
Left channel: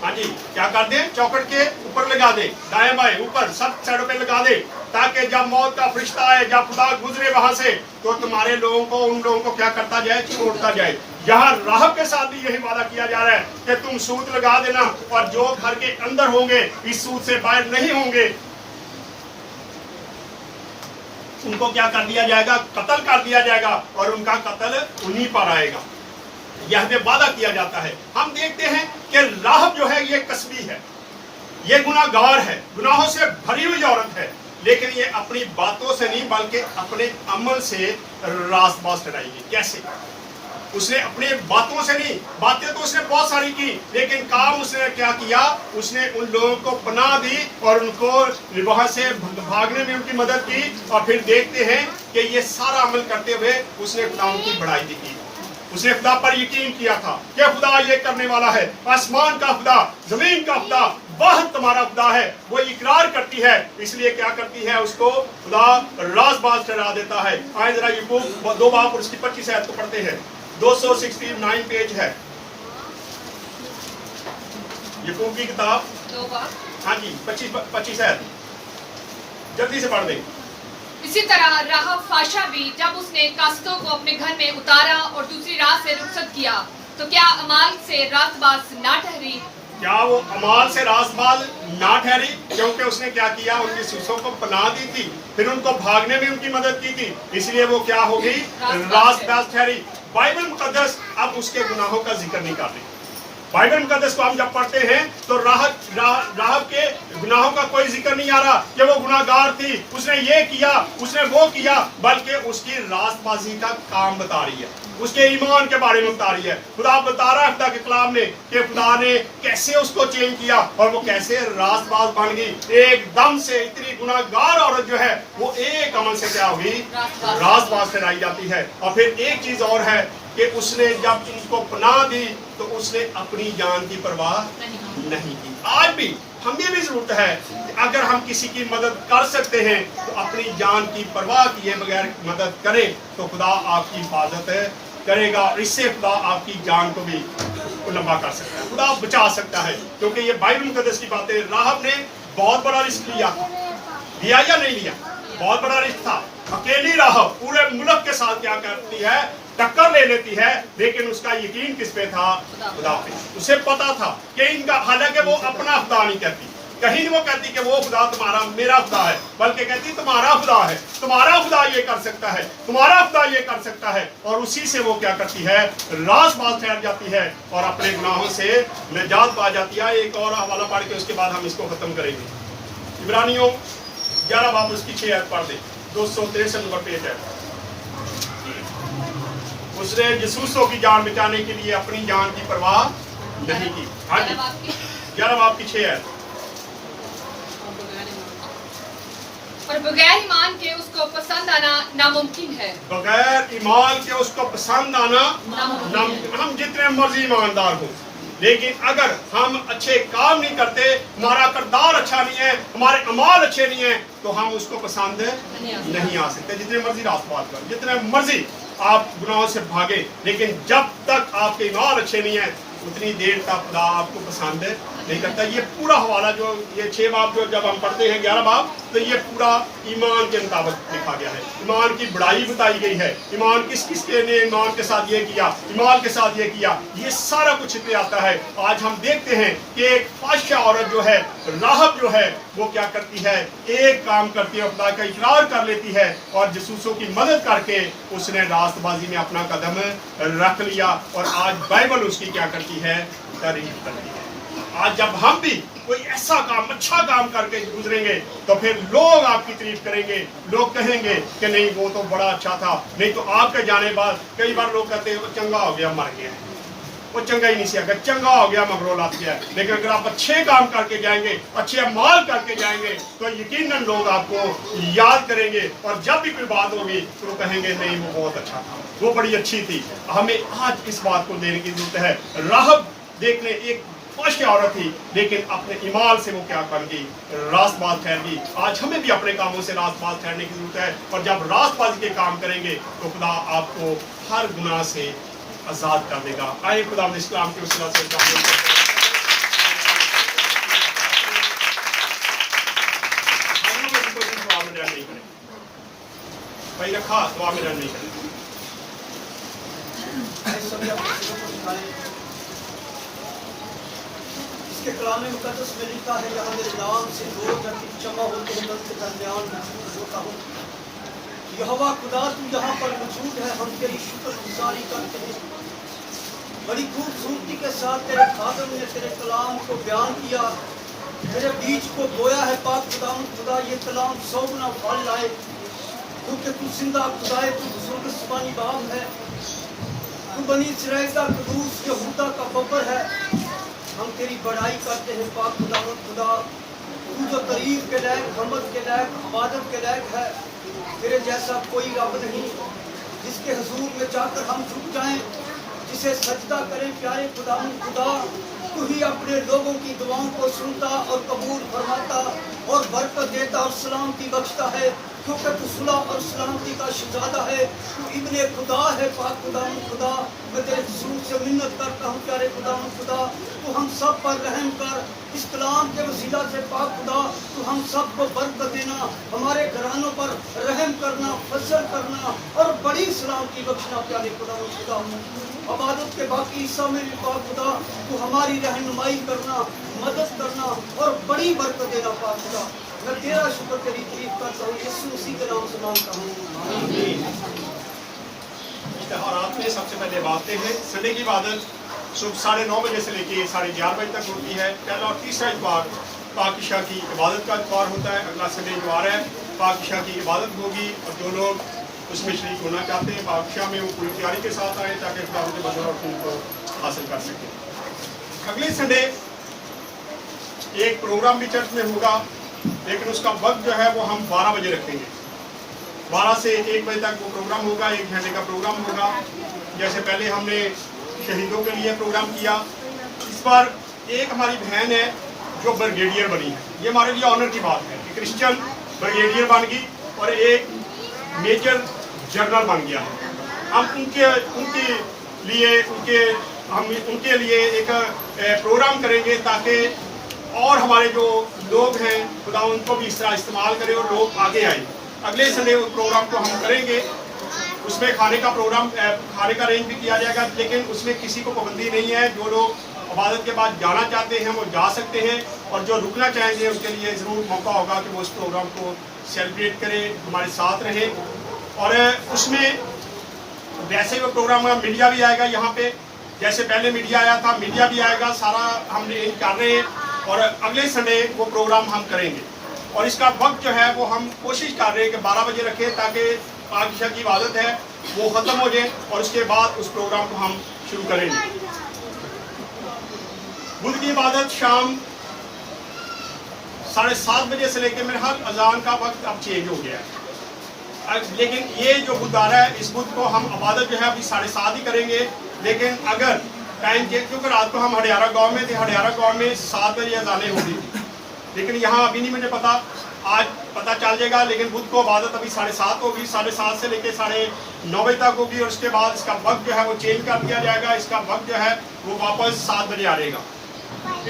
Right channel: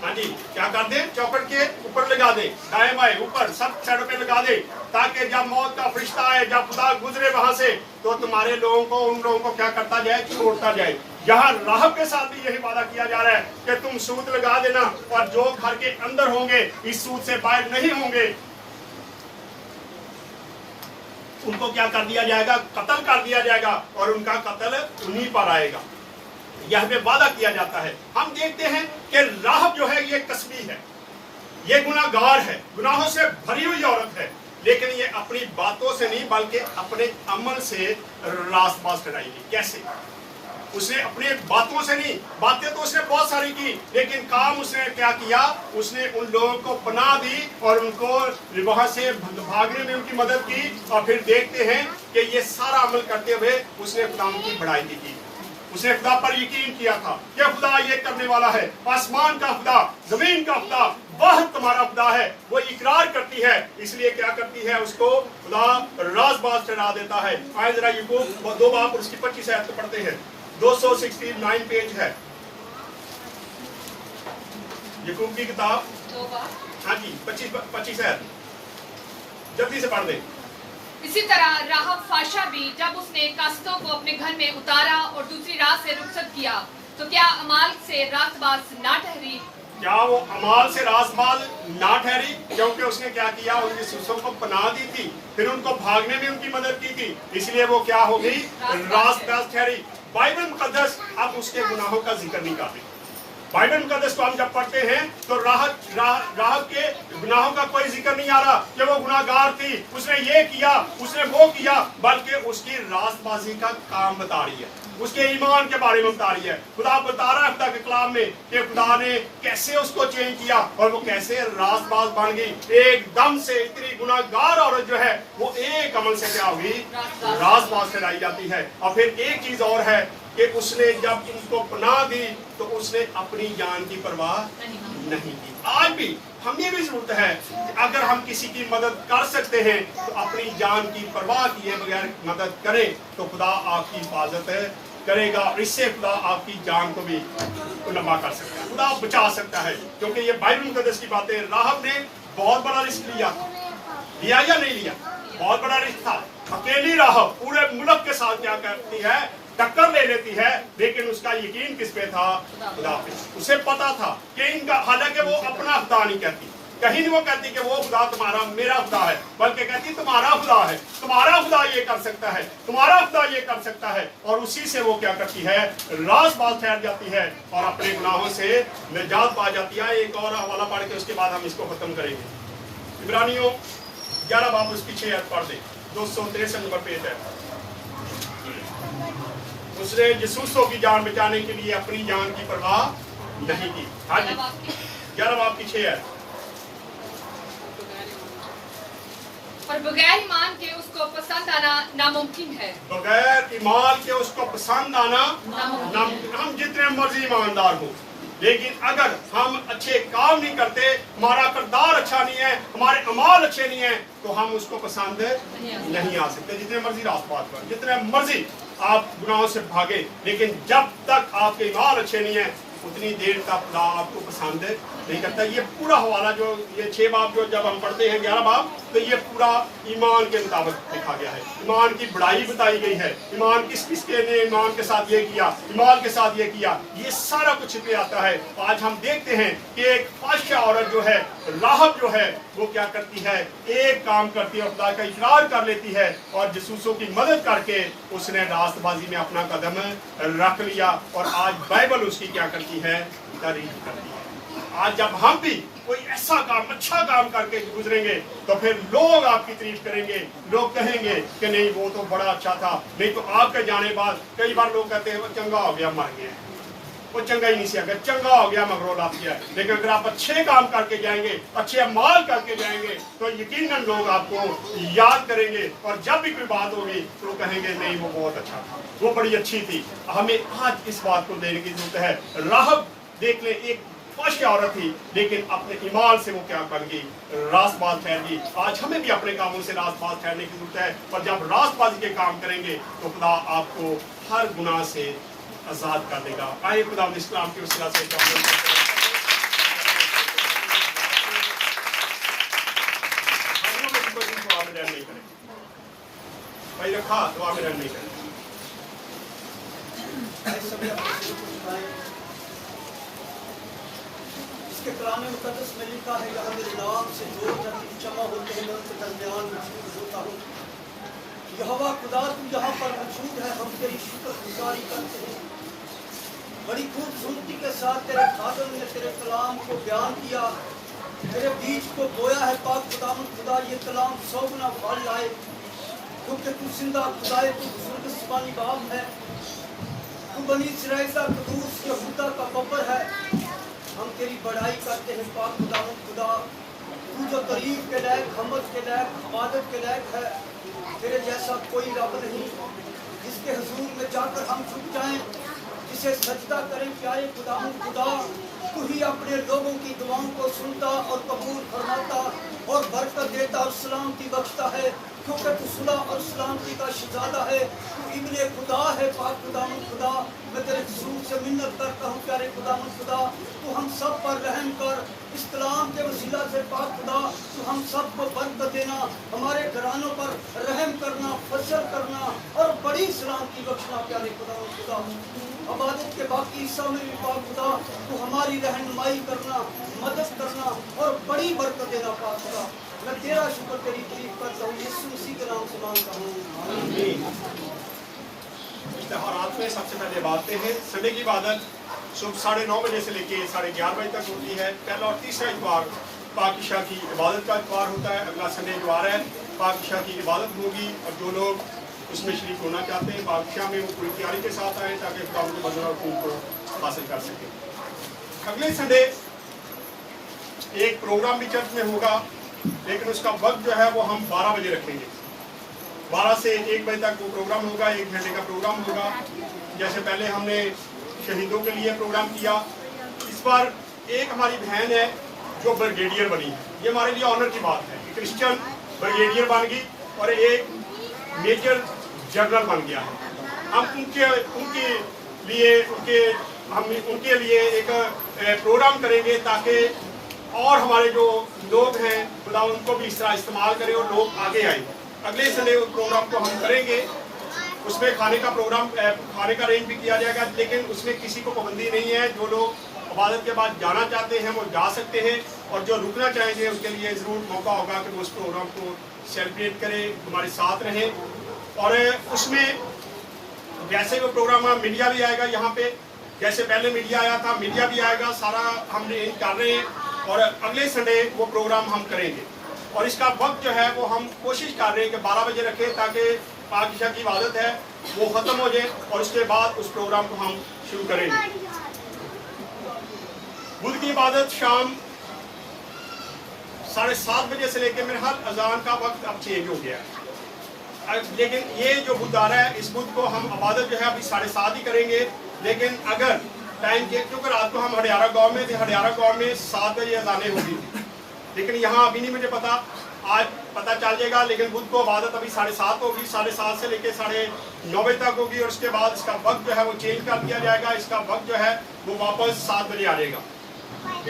हाँ जी, क्या कर दे, चौखट के ऊपर लगा दे, दाएं बाएं ऊपर सब साइडों पे लगा दे, ताकि जब मौत का फरिश्ता आए, जब खुदा गुजरे वहां से, तो तुम्हारे लोगों को, उन लोगों को क्या करता जाए, छोड़ता जाए। यहाँ राहब के साथ भी यही वादा किया जा रहा है कि तुम सूत लगा देना, और जो घर के अंदर होंगे इस सूत से बाहर नहीं होंगे उनको क्या कर दिया जाएगा, कत्ल कर दिया जाएगा, और उनका कत्ल उन्हीं पर आएगा। यह हमें वादा किया जाता है। हम देखते हैं कि राहब जो है ये कसबी है, ये गुनाहगार है, गुनाहों से भरी हुई औरत है, लेकिन ये अपनी बातों से नहीं बल्कि अपने अमल से रासबाज कराएगी। कैसे? उसने अपनी बातों से नहीं, बातें तो उसने बहुत सारी की, लेकिन काम उसने क्या किया, उसने उन लोगों को पनाह दी और उनको वहां से भागने में उनकी मदद की। और फिर देखते हैं कि ये सारा अमल करते हुए उसने खुदा की बड़ाई भी की, उसने खुदा पर यकीन किया था कि खुदा ये करने वाला है, आसमान का खुदा, जमीन का खुदा, वह तुम्हारा खुदा है। वो इकरार करती है, इसलिए क्या करती है, उसको खुदा राजबाज ठहरा देता है। आए जरा याकूब 2 बाब और उसकी 25 आयत को पढ़ते हैं, 269 पेज है याकूब की किताब। 2 बाब। हाँ जी, 25 आयत जल्दी से पढ़ दे। इसी तरह राहब फाशा भी जब उसने कास्तों को अपने घर में उतारा और दूसरी रात से रुखसत किया, तो क्या अमाल से रातबाज ना ठहरी। क्या वो अमाल से रासबाज ना ठहरी? क्योंकि उसने क्या किया, उन जासूसों को पनाह दी थी, फिर उनको भागने में उनकी मदद की थी, इसलिए वो क्या हो गई, रासबाज ठहरी। बाइबल मुकद्दस अब उसके गुनाहों का जिक्र नहीं कर रही। बाइबल मुकद्दस को हम जब पढ़ते हैं तो राहब के गुनाहों का कोई जिक्र नहीं आ रहा कि वो गुनाहगार थी, उसने ये किया, उसने वो किया, बल्कि उसकी रास्तबाजी का काम बता रही है, उसके ईमान के बारे में बता रही है। खुदा बता रहा है खुदा के कलाम में कि खुदा ने कैसे उसको चेंज किया और वो कैसे रास्तबाज बन गई। एकदम से इतनी गुनाहगार औरत जो है वो एक अमल से क्या हुई, रास्तबाज ठहराई जाती है। और फिर एक चीज और है कि उसने जब इनको पनाह दी तो उसने अपनी जान की परवाह नहीं की। आज भी हमें भी जरूरत है कि अगर हम किसी की मदद कर सकते हैं तो अपनी जान की परवाह किए बगैर मदद करें तो खुदा आपकी हिफाजत करेगा। इससे खुदा आपकी जान को भी लंबा कर सकता है, खुदा बचा सकता है। क्योंकि ये बाइबल मुकद्दस की बातें, राहब ने बहुत बड़ा रिस्क लिया या नहीं लिया? बहुत बड़ा रिस्क था। अकेली राहब पूरे मुल्क के साथ क्या करती है, टक्कर ले लेती है, लेकिन उसका यकीन किस पे था, खुदा पे। उसे पता था कि इनका, हालांकि वो अपना खुदा नहीं कहती, कहीं नहीं वो कहती कि वो खुदा तुम्हारा मेरा खुदा है, बल्कि कहती तुम्हारा खुदा है, तुम्हारा खुदा ये कर सकता है, तुम्हारा खुदा ये कर सकता है। और उसी से वो क्या करती है, रास्तबाज ठहर जाती है और अपने गुनाहों से निजात पा जाती है। एक और हवाला पढ़ के उसके बाद हम इसको खत्म करेंगे। इब्रानियों 11 बाब उसकी 6 आयत पढ़ दे, 263 नंबर पेज है। उसने जासूसों की जान बचाने के लिए अपनी जान की परवाह नहीं की। हाँ जी, 11 बाब की 6 आयत। और बगैर ईमान के उसको पसंद आना नामुमकिन है। बगैर ईमान के उसको पसंद आना नामुमकिन। हम जितने मर्जी ईमानदार हो, लेकिन अगर हम अच्छे काम नहीं करते, हमारा किरदार अच्छा नहीं है, हमारे अमाल अच्छे नहीं है, तो हम उसको पसंद नहीं आ सकते। जितने मर्जी रास्तबाज पर, जितने मर्जी आप गुनाहों से भागे, लेकिन जब तक आपके ईमान अच्छे नहीं है उतनी देर तक खुदा आपको पसंद नहीं करता। ये पूरा हवाला जो ये 6 बाब जो जब हम पढ़ते हैं 11 बाब, तो ये पूरा ईमान के मुताबिक लिखा गया है। ईमान की बड़ाई बताई गई है, ईमान किस किस के ने ईमान के साथ ये किया, ईमान के साथ ये किया, ये सारा कुछ इसमें आता है। आज हम देखते हैं कि एक फाहिशा औरत जो है, राहब जो है, वो क्या करती है, एक काम करती है, खुदा का इकरार कर लेती है और जासूसों की मदद करके उसने रास्तबाजी में अपना कदम रख लिया। और आज बाइबल उसकी क्या करती है, तारीफ करती है। आज जब हम भी कोई ऐसा काम, अच्छा काम करके गुजरेंगे तो फिर लोग आपकी तारीफ करेंगे, लोग कहेंगे कि नहीं वो तो बड़ा अच्छा था। नहीं तो आपके जाने बाद कई बार लोग कहते हैं वो चंगा हो गया, मर गया, वो चंगा ही नहीं सी, अगर चंगा हो गया मगरोल आती है। लेकिन अगर आप अच्छे काम करके जाएंगे, अच्छे अमाल करके जाएंगे, तो यकीनन लोग आपको याद करेंगे और जब भी कोई बात होगी तो वो कहेंगे नहीं वो बहुत अच्छा था, वो बड़ी अच्छी थी। हमें आज इस बात को देने की जरूरत है। राहब देखने एक फाहिशा औरत थी, लेकिन अपने ईमान से वो क्या बन गई, रास्तबाज ठहर गई। आज हमें भी अपने कामों से रास्तबाज ठहरने की जरूरत है। और जब रास्तबाजी के काम करेंगे तो खुदा आपको हर गुनाह से आजाद कर देगा। आइए खुदा इस्लाम की उस से भाई रखा दुआ में रन नहीं करें। इसके कलाम मुकद्दस में लिखा है, यहाँ मेरे नाम से दो जब जमा होते हैं उनके दरमियान मौजूद होता हूँ। यहोवा खुदा तू यहाँ पर मौजूद है, हम तेरी शुक्रगुजारी करते हैं। बड़ी खूबसूरती के साथ तेरे खादम ने तेरे कलाम को बयान किया, तेरे बीज को बोया है। पाक खुदा ये कलाम 100 गुना फल लाए, क्योंकि तू जिंदा खुदा है, तू बुजुर्ग सुबानी बाप है, तू बनी इस्राएल का कदूस यहूदा का बब्बर है। हम तेरी बड़ाई करते हैं पाक खुदा, तू जो तारीफ के लायक, हमद के लायक, इबादत के लायक है। तेरे जैसा कोई रब नहीं जिसके हुजूर में जाकर हम झुक जाएं, जिसे सजदा करें। प्यारे खुदा, तू ही अपने लोगों की दुआओं को सुनता और कबूल फरमाता और बरकत देता और सलामती बख्शता है। क्योंकि तू सुलह और सलामती का शहजादा है, तू इब्ने खुदा है, पाक खुदाम खुदा। मैं तेरे हुजूर से मिन्नत करता हूँ प्यारे खुदाम खुदा, तू हम सब पर रहम कर। इस कलाम के वसीला से पाक खुदा तू हम सब को बरकत देना, हमारे घरानों पर रहम करना, फजल करना और बड़ी सलामती बख्शना प्यारे खुदाम खुदा। इबादत के बाकी हिस्सा में भी पाक खुदा तू हमारी रहनुमाई करना, मदद करना और बड़ी बरकत देना पाक खुदा। मैं तेरा शुक्र तेरी तारीफ करता हूँ, यीशु मसीह के नाम से मांगता हूँ, आमीन। इश्तिहारात में सबसे पहले बातें हैं। संडे की इबादत सुबह 9:30 बजे से लेके 11:30 बजे तक होती है। पहला और तीसरा इतवार पाकिशा की इबादत का इतवार होता है। अगला संडे जो आ रहा है पाकिशा की इबादत होगी और जो लोग उसमें शरीक होना चाहते हैं पाकिशा में वो पूरी तैयारी के साथ आए ताकि खुदा के बंदर और खून को हासिल कर सकें। अगले संडे एक प्रोग्राम भी चर्च में होगा, लेकिन उसका वक्त जो है वो हम 12 बजे रखेंगे। 12 से 1 बजे तक वो प्रोग्राम होगा, 1 घंटे का प्रोग्राम होगा। जैसे पहले हमने शहीदों के लिए प्रोग्राम किया, इस बार एक हमारी बहन है जो ब्रिगेडियर बनी है। ये हमारे लिए ऑनर की बात है कि क्रिश्चियन ब्रिगेडियर बन गई और एक मेजर जनरल बन गया है। हम उनके लिए एक प्रोग्राम करेंगे ताकि और हमारे जो लोग हैं खुदा उनको भी इस तरह इस्तेमाल करें और लोग आगे आए। अगले संडे उस प्रोग्राम को हम करेंगे, उसमें खाने का अरेंज भी किया जाएगा, लेकिन उसमें किसी को पाबंदी नहीं है। जो लोग इबादत के बाद जाना चाहते हैं वो जा सकते हैं और जो रुकना चाहेंगे उनके लिए ज़रूर मौका होगा कि वो उस प्रोग्राम को सेलिब्रेट करें, हमारे साथ रहें। और उसमें वैसे वो प्रोग्राम मीडिया भी आएगा यहाँ पे, जैसे पहले मीडिया आया था मीडिया भी आएगा। सारा हम अरेंज कर रहे हैं और अगले संडे वो प्रोग्राम हम करेंगे। और इसका वक्त जो है वो हम कोशिश कर रहे हैं कि 12 बजे रखें ताकि पाकिशा की इबादत है वो ख़त्म हो जाए और उसके बाद उस प्रोग्राम को हम शुरू करेंगे। बुध की इबादत शाम 7:30 बजे से लेकर मेरे ख्याल अजान का वक्त अब चेंज हो गया है। लेकिन ये जो बुध आ रहा है इस बुध को हम इबादत जो है अभी 7:30 ही करेंगे। लेकिन अगर टाइम चेंज, क्योंकि रात को हम हडियारा गांव में थे, हडियारा गांव में 7 बजे अजानें होगी थी, लेकिन यहाँ अभी नहीं मुझे पता, आज पता चल जाएगा। लेकिन बुध को इबादत अभी 7:30 होगी, 7:30 से लेकर 9:30 बजे तक होगी और उसके बाद इसका वक्त जो है वो चेंज कर दिया जाएगा। इसका वक्त जो है वो वापस 7 बजे आ जाएगा।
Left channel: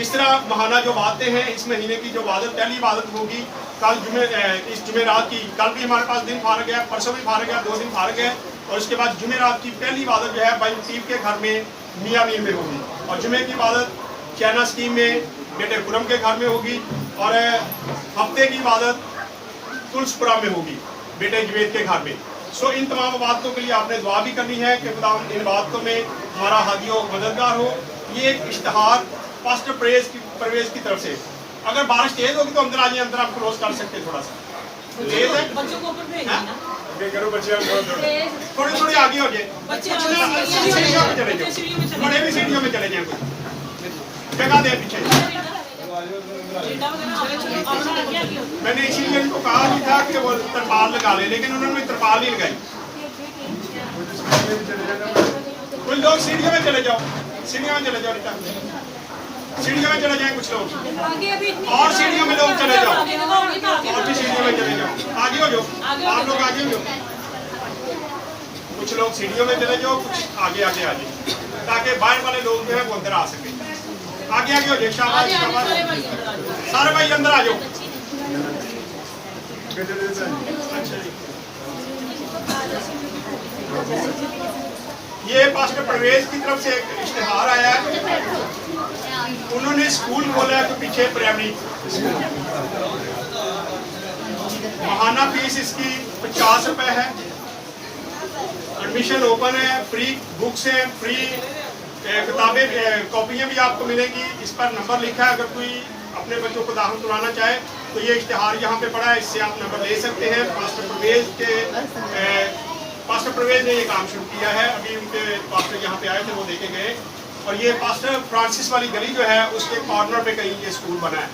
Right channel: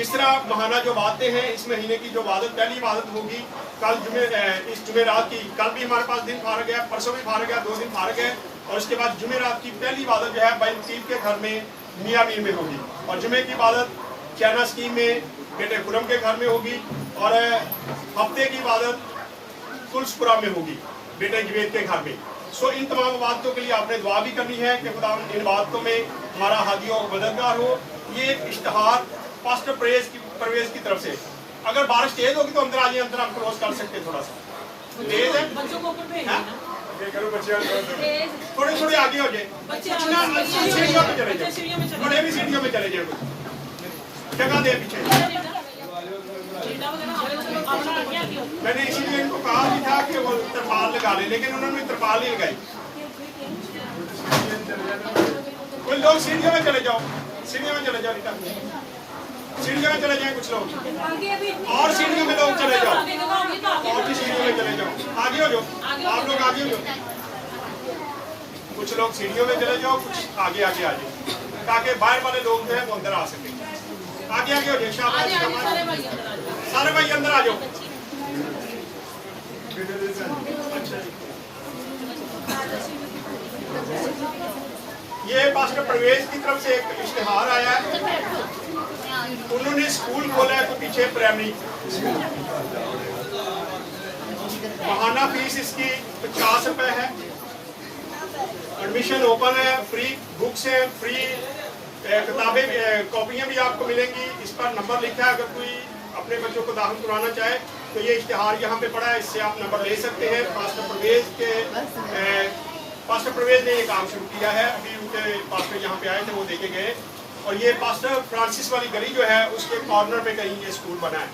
इस तरह महाना जो बातें हैं इस महीने की जो इबादत पहली इबादत होगी कल इस जुमेरात की, कल भी हमारे पास दिन फारग है, परसों भी फारग है, 2 दिन फारग है। और उसके बाद जुमेरात की पहली इबादत जो है भाई लतीफ़ के घर में मियामीर में होगी और जुमे की इबादत चैना स्कीम में बेटे खुरम के घर में होगी और हफ्ते की इबादत तुलसपुरा में होगी बेटे जवेद के घर में। सो इन तमाम इबादतों के लिए आपने दुआ भी करनी है कि खुदा इन इबादतों में हमारा हादी हो, मददगार हो। ये एक इश्तिहार पास्टर परवेज की तरफ से, अगर बारिश तेज होगी तो अंदर आ जाइए, अंदर आप क्लोज कर सकते हैं। थोड़ा सा तेज है, बच्चों को ऊपर भेजना ना, करो बच्चे थोड़े थोड़े आगे हो जाए, सीढ़ियों में चले जाओ, बड़े भी सीढ़ियों में चले जाए, कुछ जगह दे पीछे। मैंने इसीलिए इनको कहा भी था कि वो तरपाल लगा ले, लेकिन उन्होंने तरपाल नहीं लगाई। कुछ लोग सीढ़ियों में चले जाओ, सीढ़ियों में चले जाओ, सीढ़ियों में चले जाए कुछ लोग, और सीढ़ियों में लोग चले जाओ, और भी सीढ़ियों में चले जाओ, आगे हो जाओ, आप लोग आगे हो जाओ, कुछ लोग सीढ़ियों में चले जाओ, कुछ आगे आगे आ जाए ताकि बाहर वाले लोग जो है वो अंदर आ सके। आगे आगे हो जाए, शाबाश शाबाश, सारे भाई अंदर आ जाओ। अच्छा जी, ये पास्टर परवेज की तरफ से एक इश्तिहार आया है, उन्होंने स्कूल खोला है तो पीछे प्राइमरी स्कूल, महाना फीस इसकी 50 रुपए है, एडमिशन ओपन है, फ्री बुक्स हैं, फ्री किताबें कॉपियां भी आपको मिलेंगी। इस पर नंबर लिखा है, अगर कोई अपने बच्चों को दाखिल करवाना चाहे तो ये इश्तिहार यहाँ पे पड़ा है, इससे आप नंबर ले सकते हैं। पास्टर परवेज ने ये काम शुरू किया है, अभी उनके पास्टर यहाँ पे आए थे वो देखे गए, और ये पास्टर फ्रांसिस वाली गली जो है उसके कॉर्नर पे कहीं ये स्कूल बना है।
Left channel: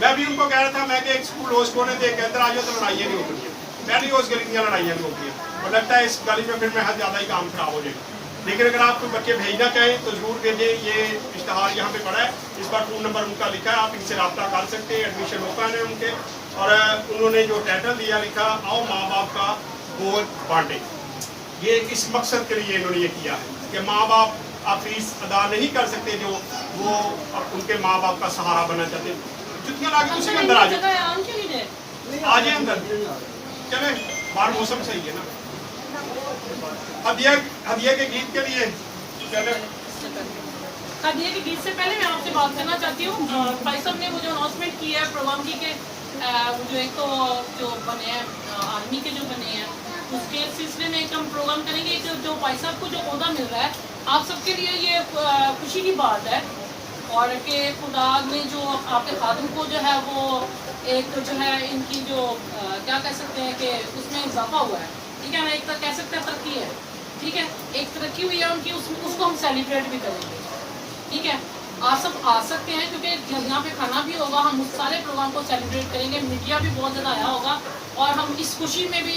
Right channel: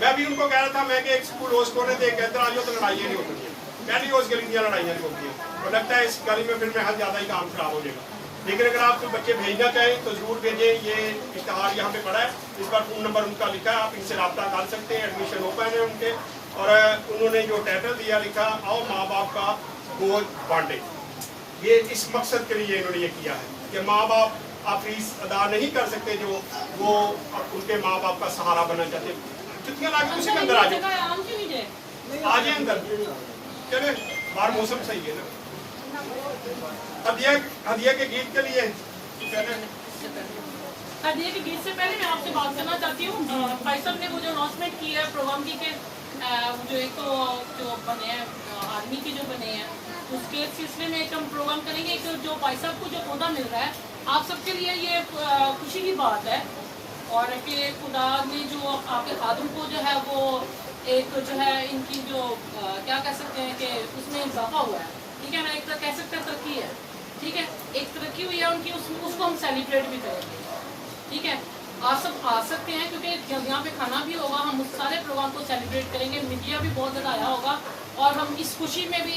मैं भी उनको कह रहा था, मैं कि एक स्कूल होस्ट होने थे, अंदर आ जाओ तो लड़ाइयाँ नहीं होती है, पहली उस गली की लड़ाइयाँ नहीं होती है, और लगता है इस गली में फिर महज ज़्यादा ही काम खराब हो जाएगा। लेकिन अगर आप कोई बच्चे भेजना चाहें तो जरूर भेजें। ये इश्तहार यहाँ पे पड़ा है, इस पर फ़ोन नंबर उनका लिखा है, आप इनसे रब्ता कर सकते हैं। एडमिशन ओपन है उनके, और उन्होंने जो टाइटल दिया लिखा, आओ माँ बाप का बोझ बांटे। ये इस मकसद के लिए इन्होंने ये किया है कि माँ बाप आप फीस अदा नहीं कर सकते, जो वो उनके माँ बाप का सहारा बनना चाहते। जुतियाँ लाके उसी के अंदर आ जाए, आ जाए अंदर, चले बाहर मौसम सही है ना। हदिया के गीत के लिए चले। हदिया के गीत से पहले मैं आपसे बात करना चाहती हूँ। भाई साहब ने वो जो अनाउंसमेंट की है प्रोग्राम की के जो एक तो जो बने हैं आर्मी के जो बने हैं, उसके सिलसिले में एक हम प्रोग्राम करेंगे। एक जो भाई साहब को जो ओहदा मिल रहा है, आप सबके लिए ये खुशी की बात है, और कि खुदा ने जो आपके खादिम को जो है वो एक जो है इनकी जो क्या कह सकते हैं कि उसमें इजाफा हुआ है, ठीक है ना, एक तरह कह सकते हैं तरक्की है, ठीक है, एक तरक्की हुई है उनकी, उसको हम सेलिब्रेट भी करेंगे, ठीक है। आप सब आ सकते हैं क्योंकि जब यहाँ पे खाना भी होगा, हम उस सारे प्रोग्राम को सेलिब्रेट करेंगे। मीडिया भी बहुत ज़्यादा आया होगा और हम इस खुशी में भी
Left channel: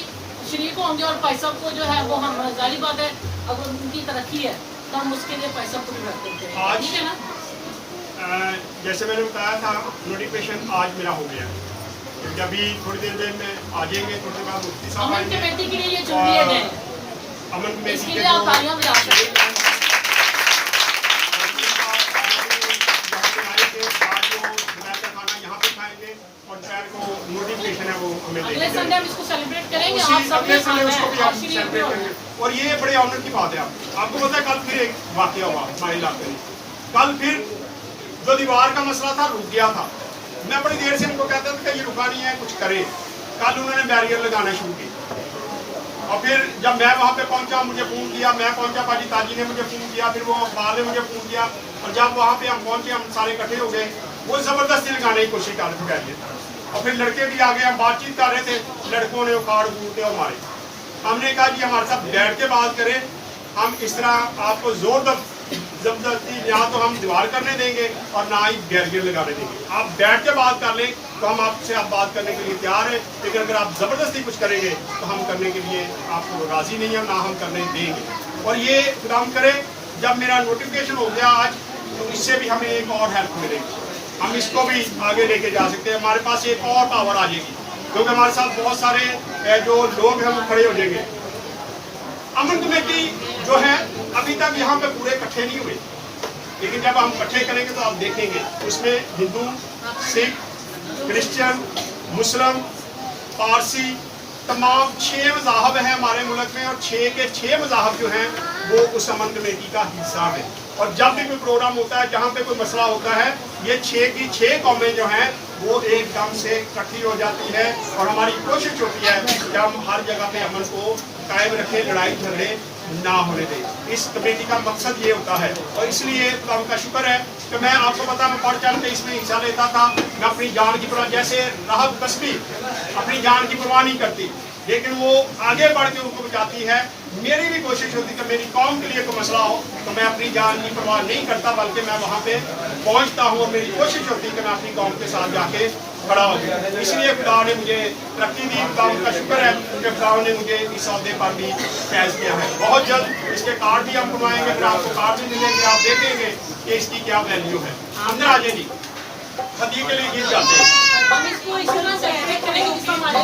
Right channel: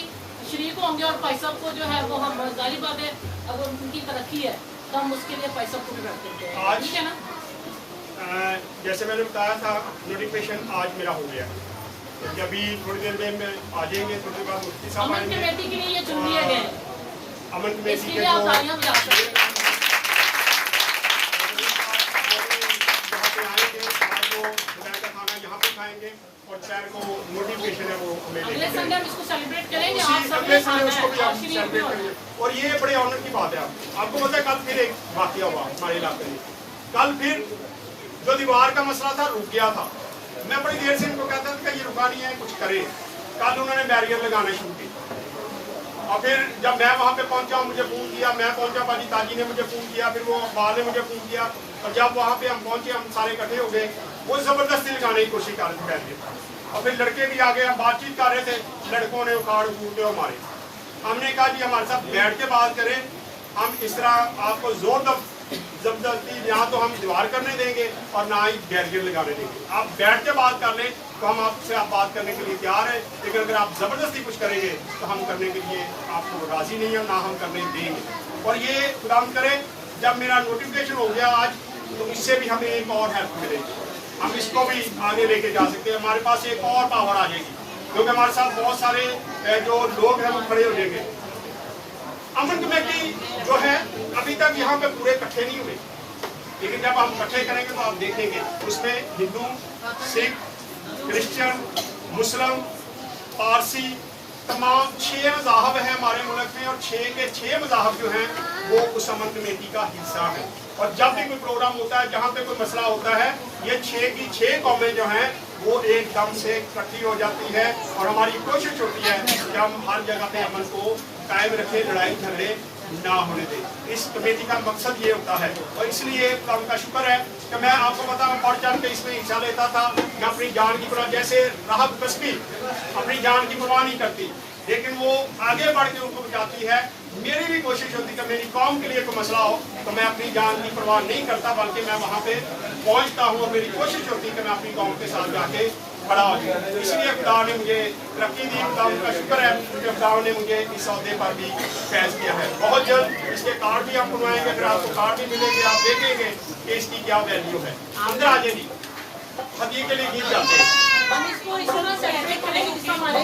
शरीक होंगे। और भाई साहब को जो है वो हम जाहिर बात है, अगर उनकी तरक्की है तो हम उसके लिए भाई साहब को भी रख देते हैं, ठीक है ना। जैसे मैंने बताया था, नोटिफिकेशन आज मेरा हो गया, जब भी थोड़ी देर में आ जाएंगे, थोड़ी देर बाद मुफ्ती साहब अमन कमेटी के लिए ये चुन लिए गए हैं, अमन कमेटी इसके के लिए आप तालियां बजा सकते हैं। नोटिफिकेशन है वो हमें अगले संडे हम इसको सेलिब्रेट करेंगे, आप उसी सब अगले संडे उसको भी आप शरीक सेलिब्रेट करेंगे। और ये बड़े ऑनर की बात है। आपको पता है, कल फिर एक वाकया हुआ हमारे इलाके में। कल फिर जो दीवार का मसला था रुक गया था। मैं बड़ी देर से उनको कहता था कि ये रुका नहीं है, कुछ करे। कल उन्होंने बैरियर लगाना शुरू किया, और फिर जब मैं वहाँ पे पहुँचा, मुझे फ़ोन किया, मैं पहुँचा, बाजी ताजी ने मुझे फ़ोन किया, फिर वो अखबार ने मुझे फ़ोन किया, और जब वहाँ पे हम पहुँचे, हम सारे इकट्ठे हो गए, वो ज़बरदस्ती लगाने की कोशिश कर रहे थे बैरियर। और फिर लड़के भी आ गए, हम बातचीत कर रहे थे, लड़कों ने उखाड़ कूदते और मारे। हमने कहा कि हमारे साथ बैठ के बात करें, हम इस तरह आपको जबरदस्ती यहाँ तो हम दीवार करने देंगे और ना ही बैरियर लगाने देंगे। आप बैठ के बात कर लें तो हम आपसे बात करने के लिए तैयार हैं, लेकिन अगर आप ज़बरदस्ती कुछ करेंगे तो हम करने के लिए आपको राज़ी नहीं है, ना हम करने देंगे। और ये खुदा करे, जब मेरा नोटिफिकेशन हो गया आज, तो इससे भी हमें एक और हेल्प मिलेगी, हम इसको भी आगे लेके जा सकते हैं। हमारे पास एक और पावर आ जाएगी, क्योंकि हमारे साथ बहुत सारे जो लोग हैं वो खड़े हो जाएंगे। अमन कमेटी जो है अभी तक यहाँ पे पूरे इकट्ठे नहीं हुए, लेकिन जब हम इकट्ठे करेंगे तो आप देखेंगे उसमें हिंदू, सिख, क्रिश्चियन, मुस्लिम, पारसी, तमाम 6 मज़ाहब हैं हमारे मुल्क में, और 6 के 6 मज़ाहब जो हैं वो उस अमन कमेटी का हिस्सा है। और जब भी कोई प्रोग्राम होता है, जहाँ पे कोई मसला होता है, ये 6 की 6 कौमें जो हैं वो एकदम से इकट्ठी हो जाती है, और हमारी कोशिश होती है कि हम हर जगह पे अमन को कायम रखें, लड़ाई झगड़े ना होने दें। इस कमेटी का मकसद ये होता है, और इसलिए उनका शुक्र है कि मैं आपको पता, मैं बढ़ चढ़ के इसमें हिस्सा लेता था। मैं अपनी जान की परवाह, जैसे राहत कस्बी अपनी जान की परवाह नहीं करती, लेकिन वो आगे बढ़ के उनको बचाती है। मेरी भी कोशिश होती है कि मेरी कौम के लिए कोई मसला हो तो मैं अपनी जान की परवाह नहीं करता, बल्कि मैं वहाँ पे पहुँचता हूँ, और मेरी कोशिश होती है कि मैं अपनी कौम के साथ जाके खड़ा हो जाऊँ। इसलिए खुदा ने मुझे तरक्की दी, खुदा उनका शुक्र है कि खुदा ने मुझे इस अहदे पर भी फैज़ किया है। बहुत जल्द इसके कार्ड भी हम बनवाएंगे, फिर आपको कार्ड भी मिलेंगे, आप देखेंगे कि इसकी क्या वैल्यू है। अंदर आ जाइए जी, हदिये के लिए गीत जाते हैं। हम इसको इस तरह से सेलिब्रेट करेंगे जिस हमारे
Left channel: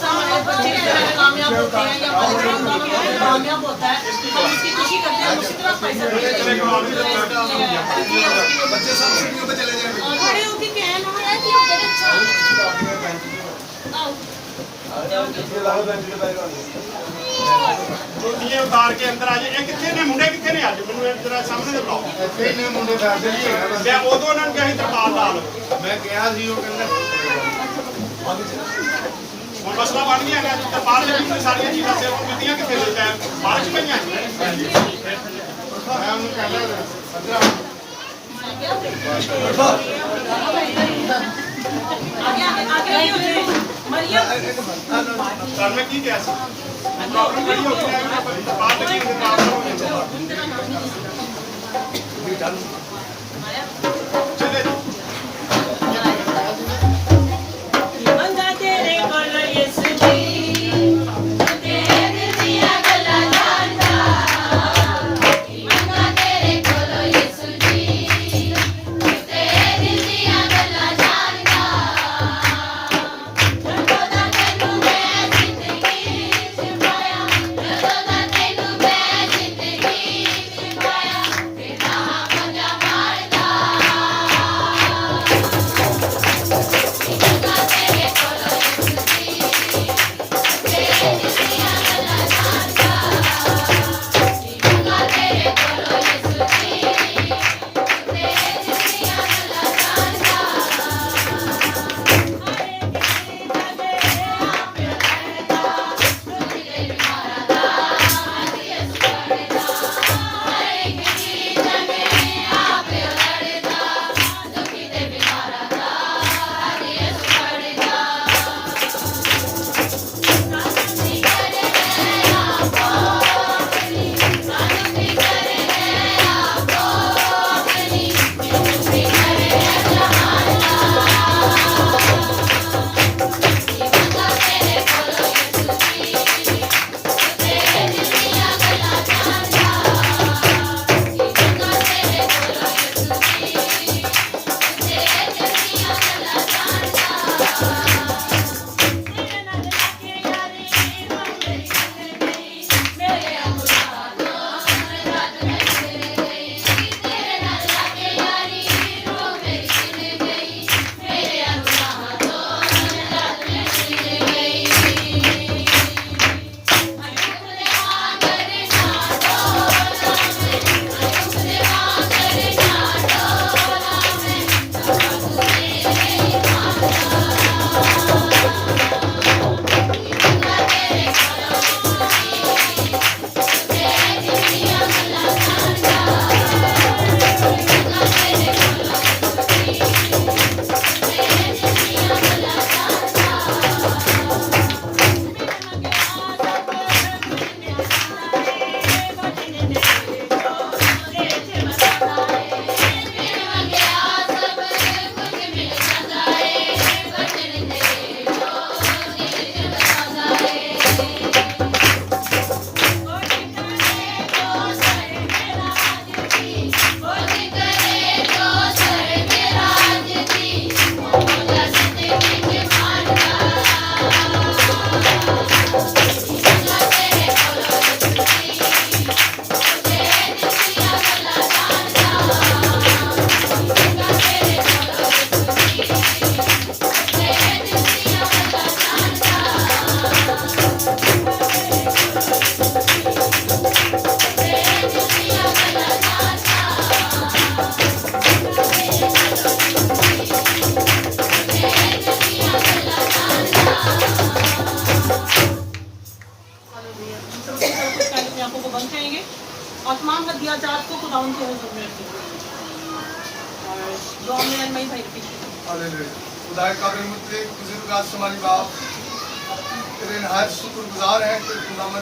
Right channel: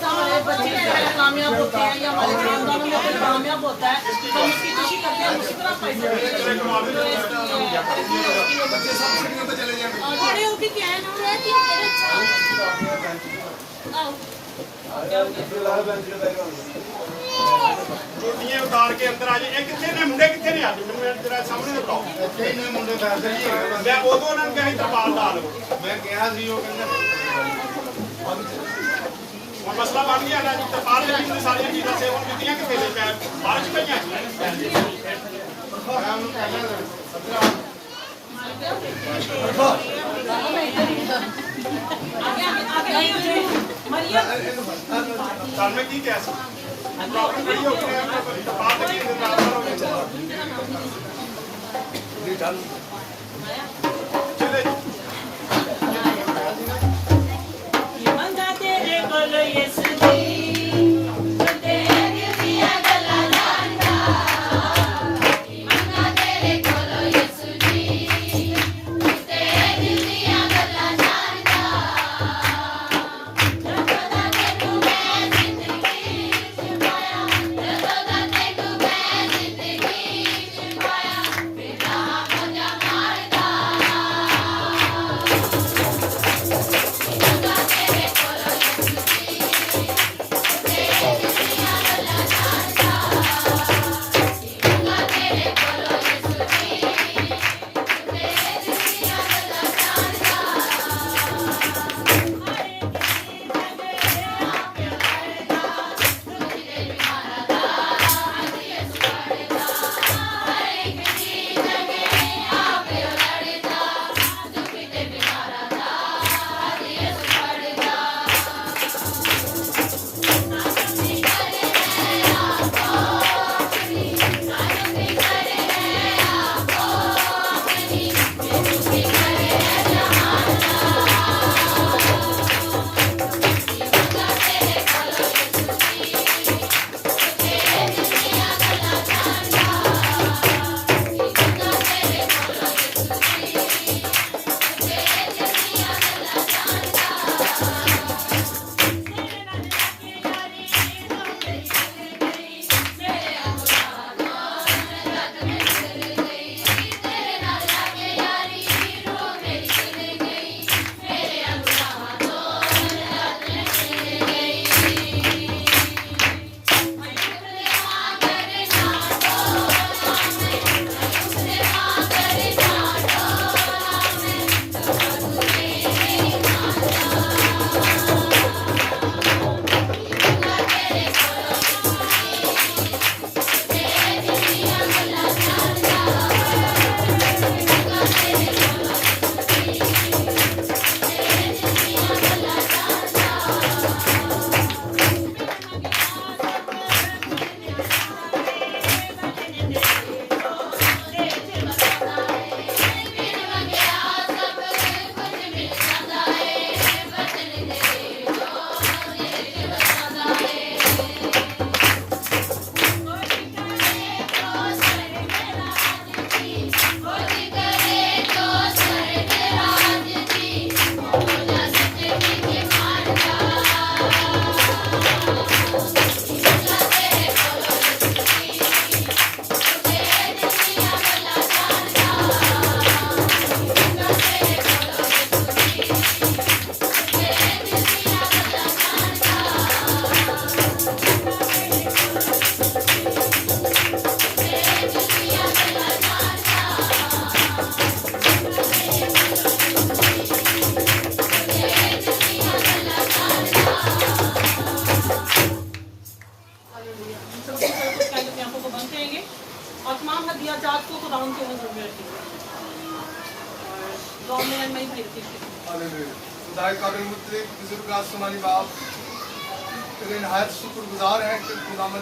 हमारे बच्चे कामयाब होते हैं या हमारे खानदानों में कामयाब होता है, तो हम उसकी खुशी करते हैं। उसी तरह पैसा खड़े होके कहना है कि ये उतार के अंदर आ जाए। ये कितने ने मुंडे, कितने ने आज मैंने जरा सामने से बताओ। इतने मुंडे फैसले ही है। मैं उदों ने कहीं तरपाल डाल मैं कहा सी वो कहंदा वो मसला बन गया ना, तरपाल ने कितनी सारी चीज़ां से वो कितनी कितने लेता है, बारिश पई है। मैं उन्हें कहना अंदर साल में की कैसे प्रॉब्लम खड़ी होती है, तरपाल लगी है, चले या जात को खुदावन से सबमिट और ड्रॉ में एंड माय भाई हालेलुया खुदाए काबिल मुतले बुजुर्ग आज समानी बाप तेरे नहायत शुक्रगुजार हैं कि खुदावन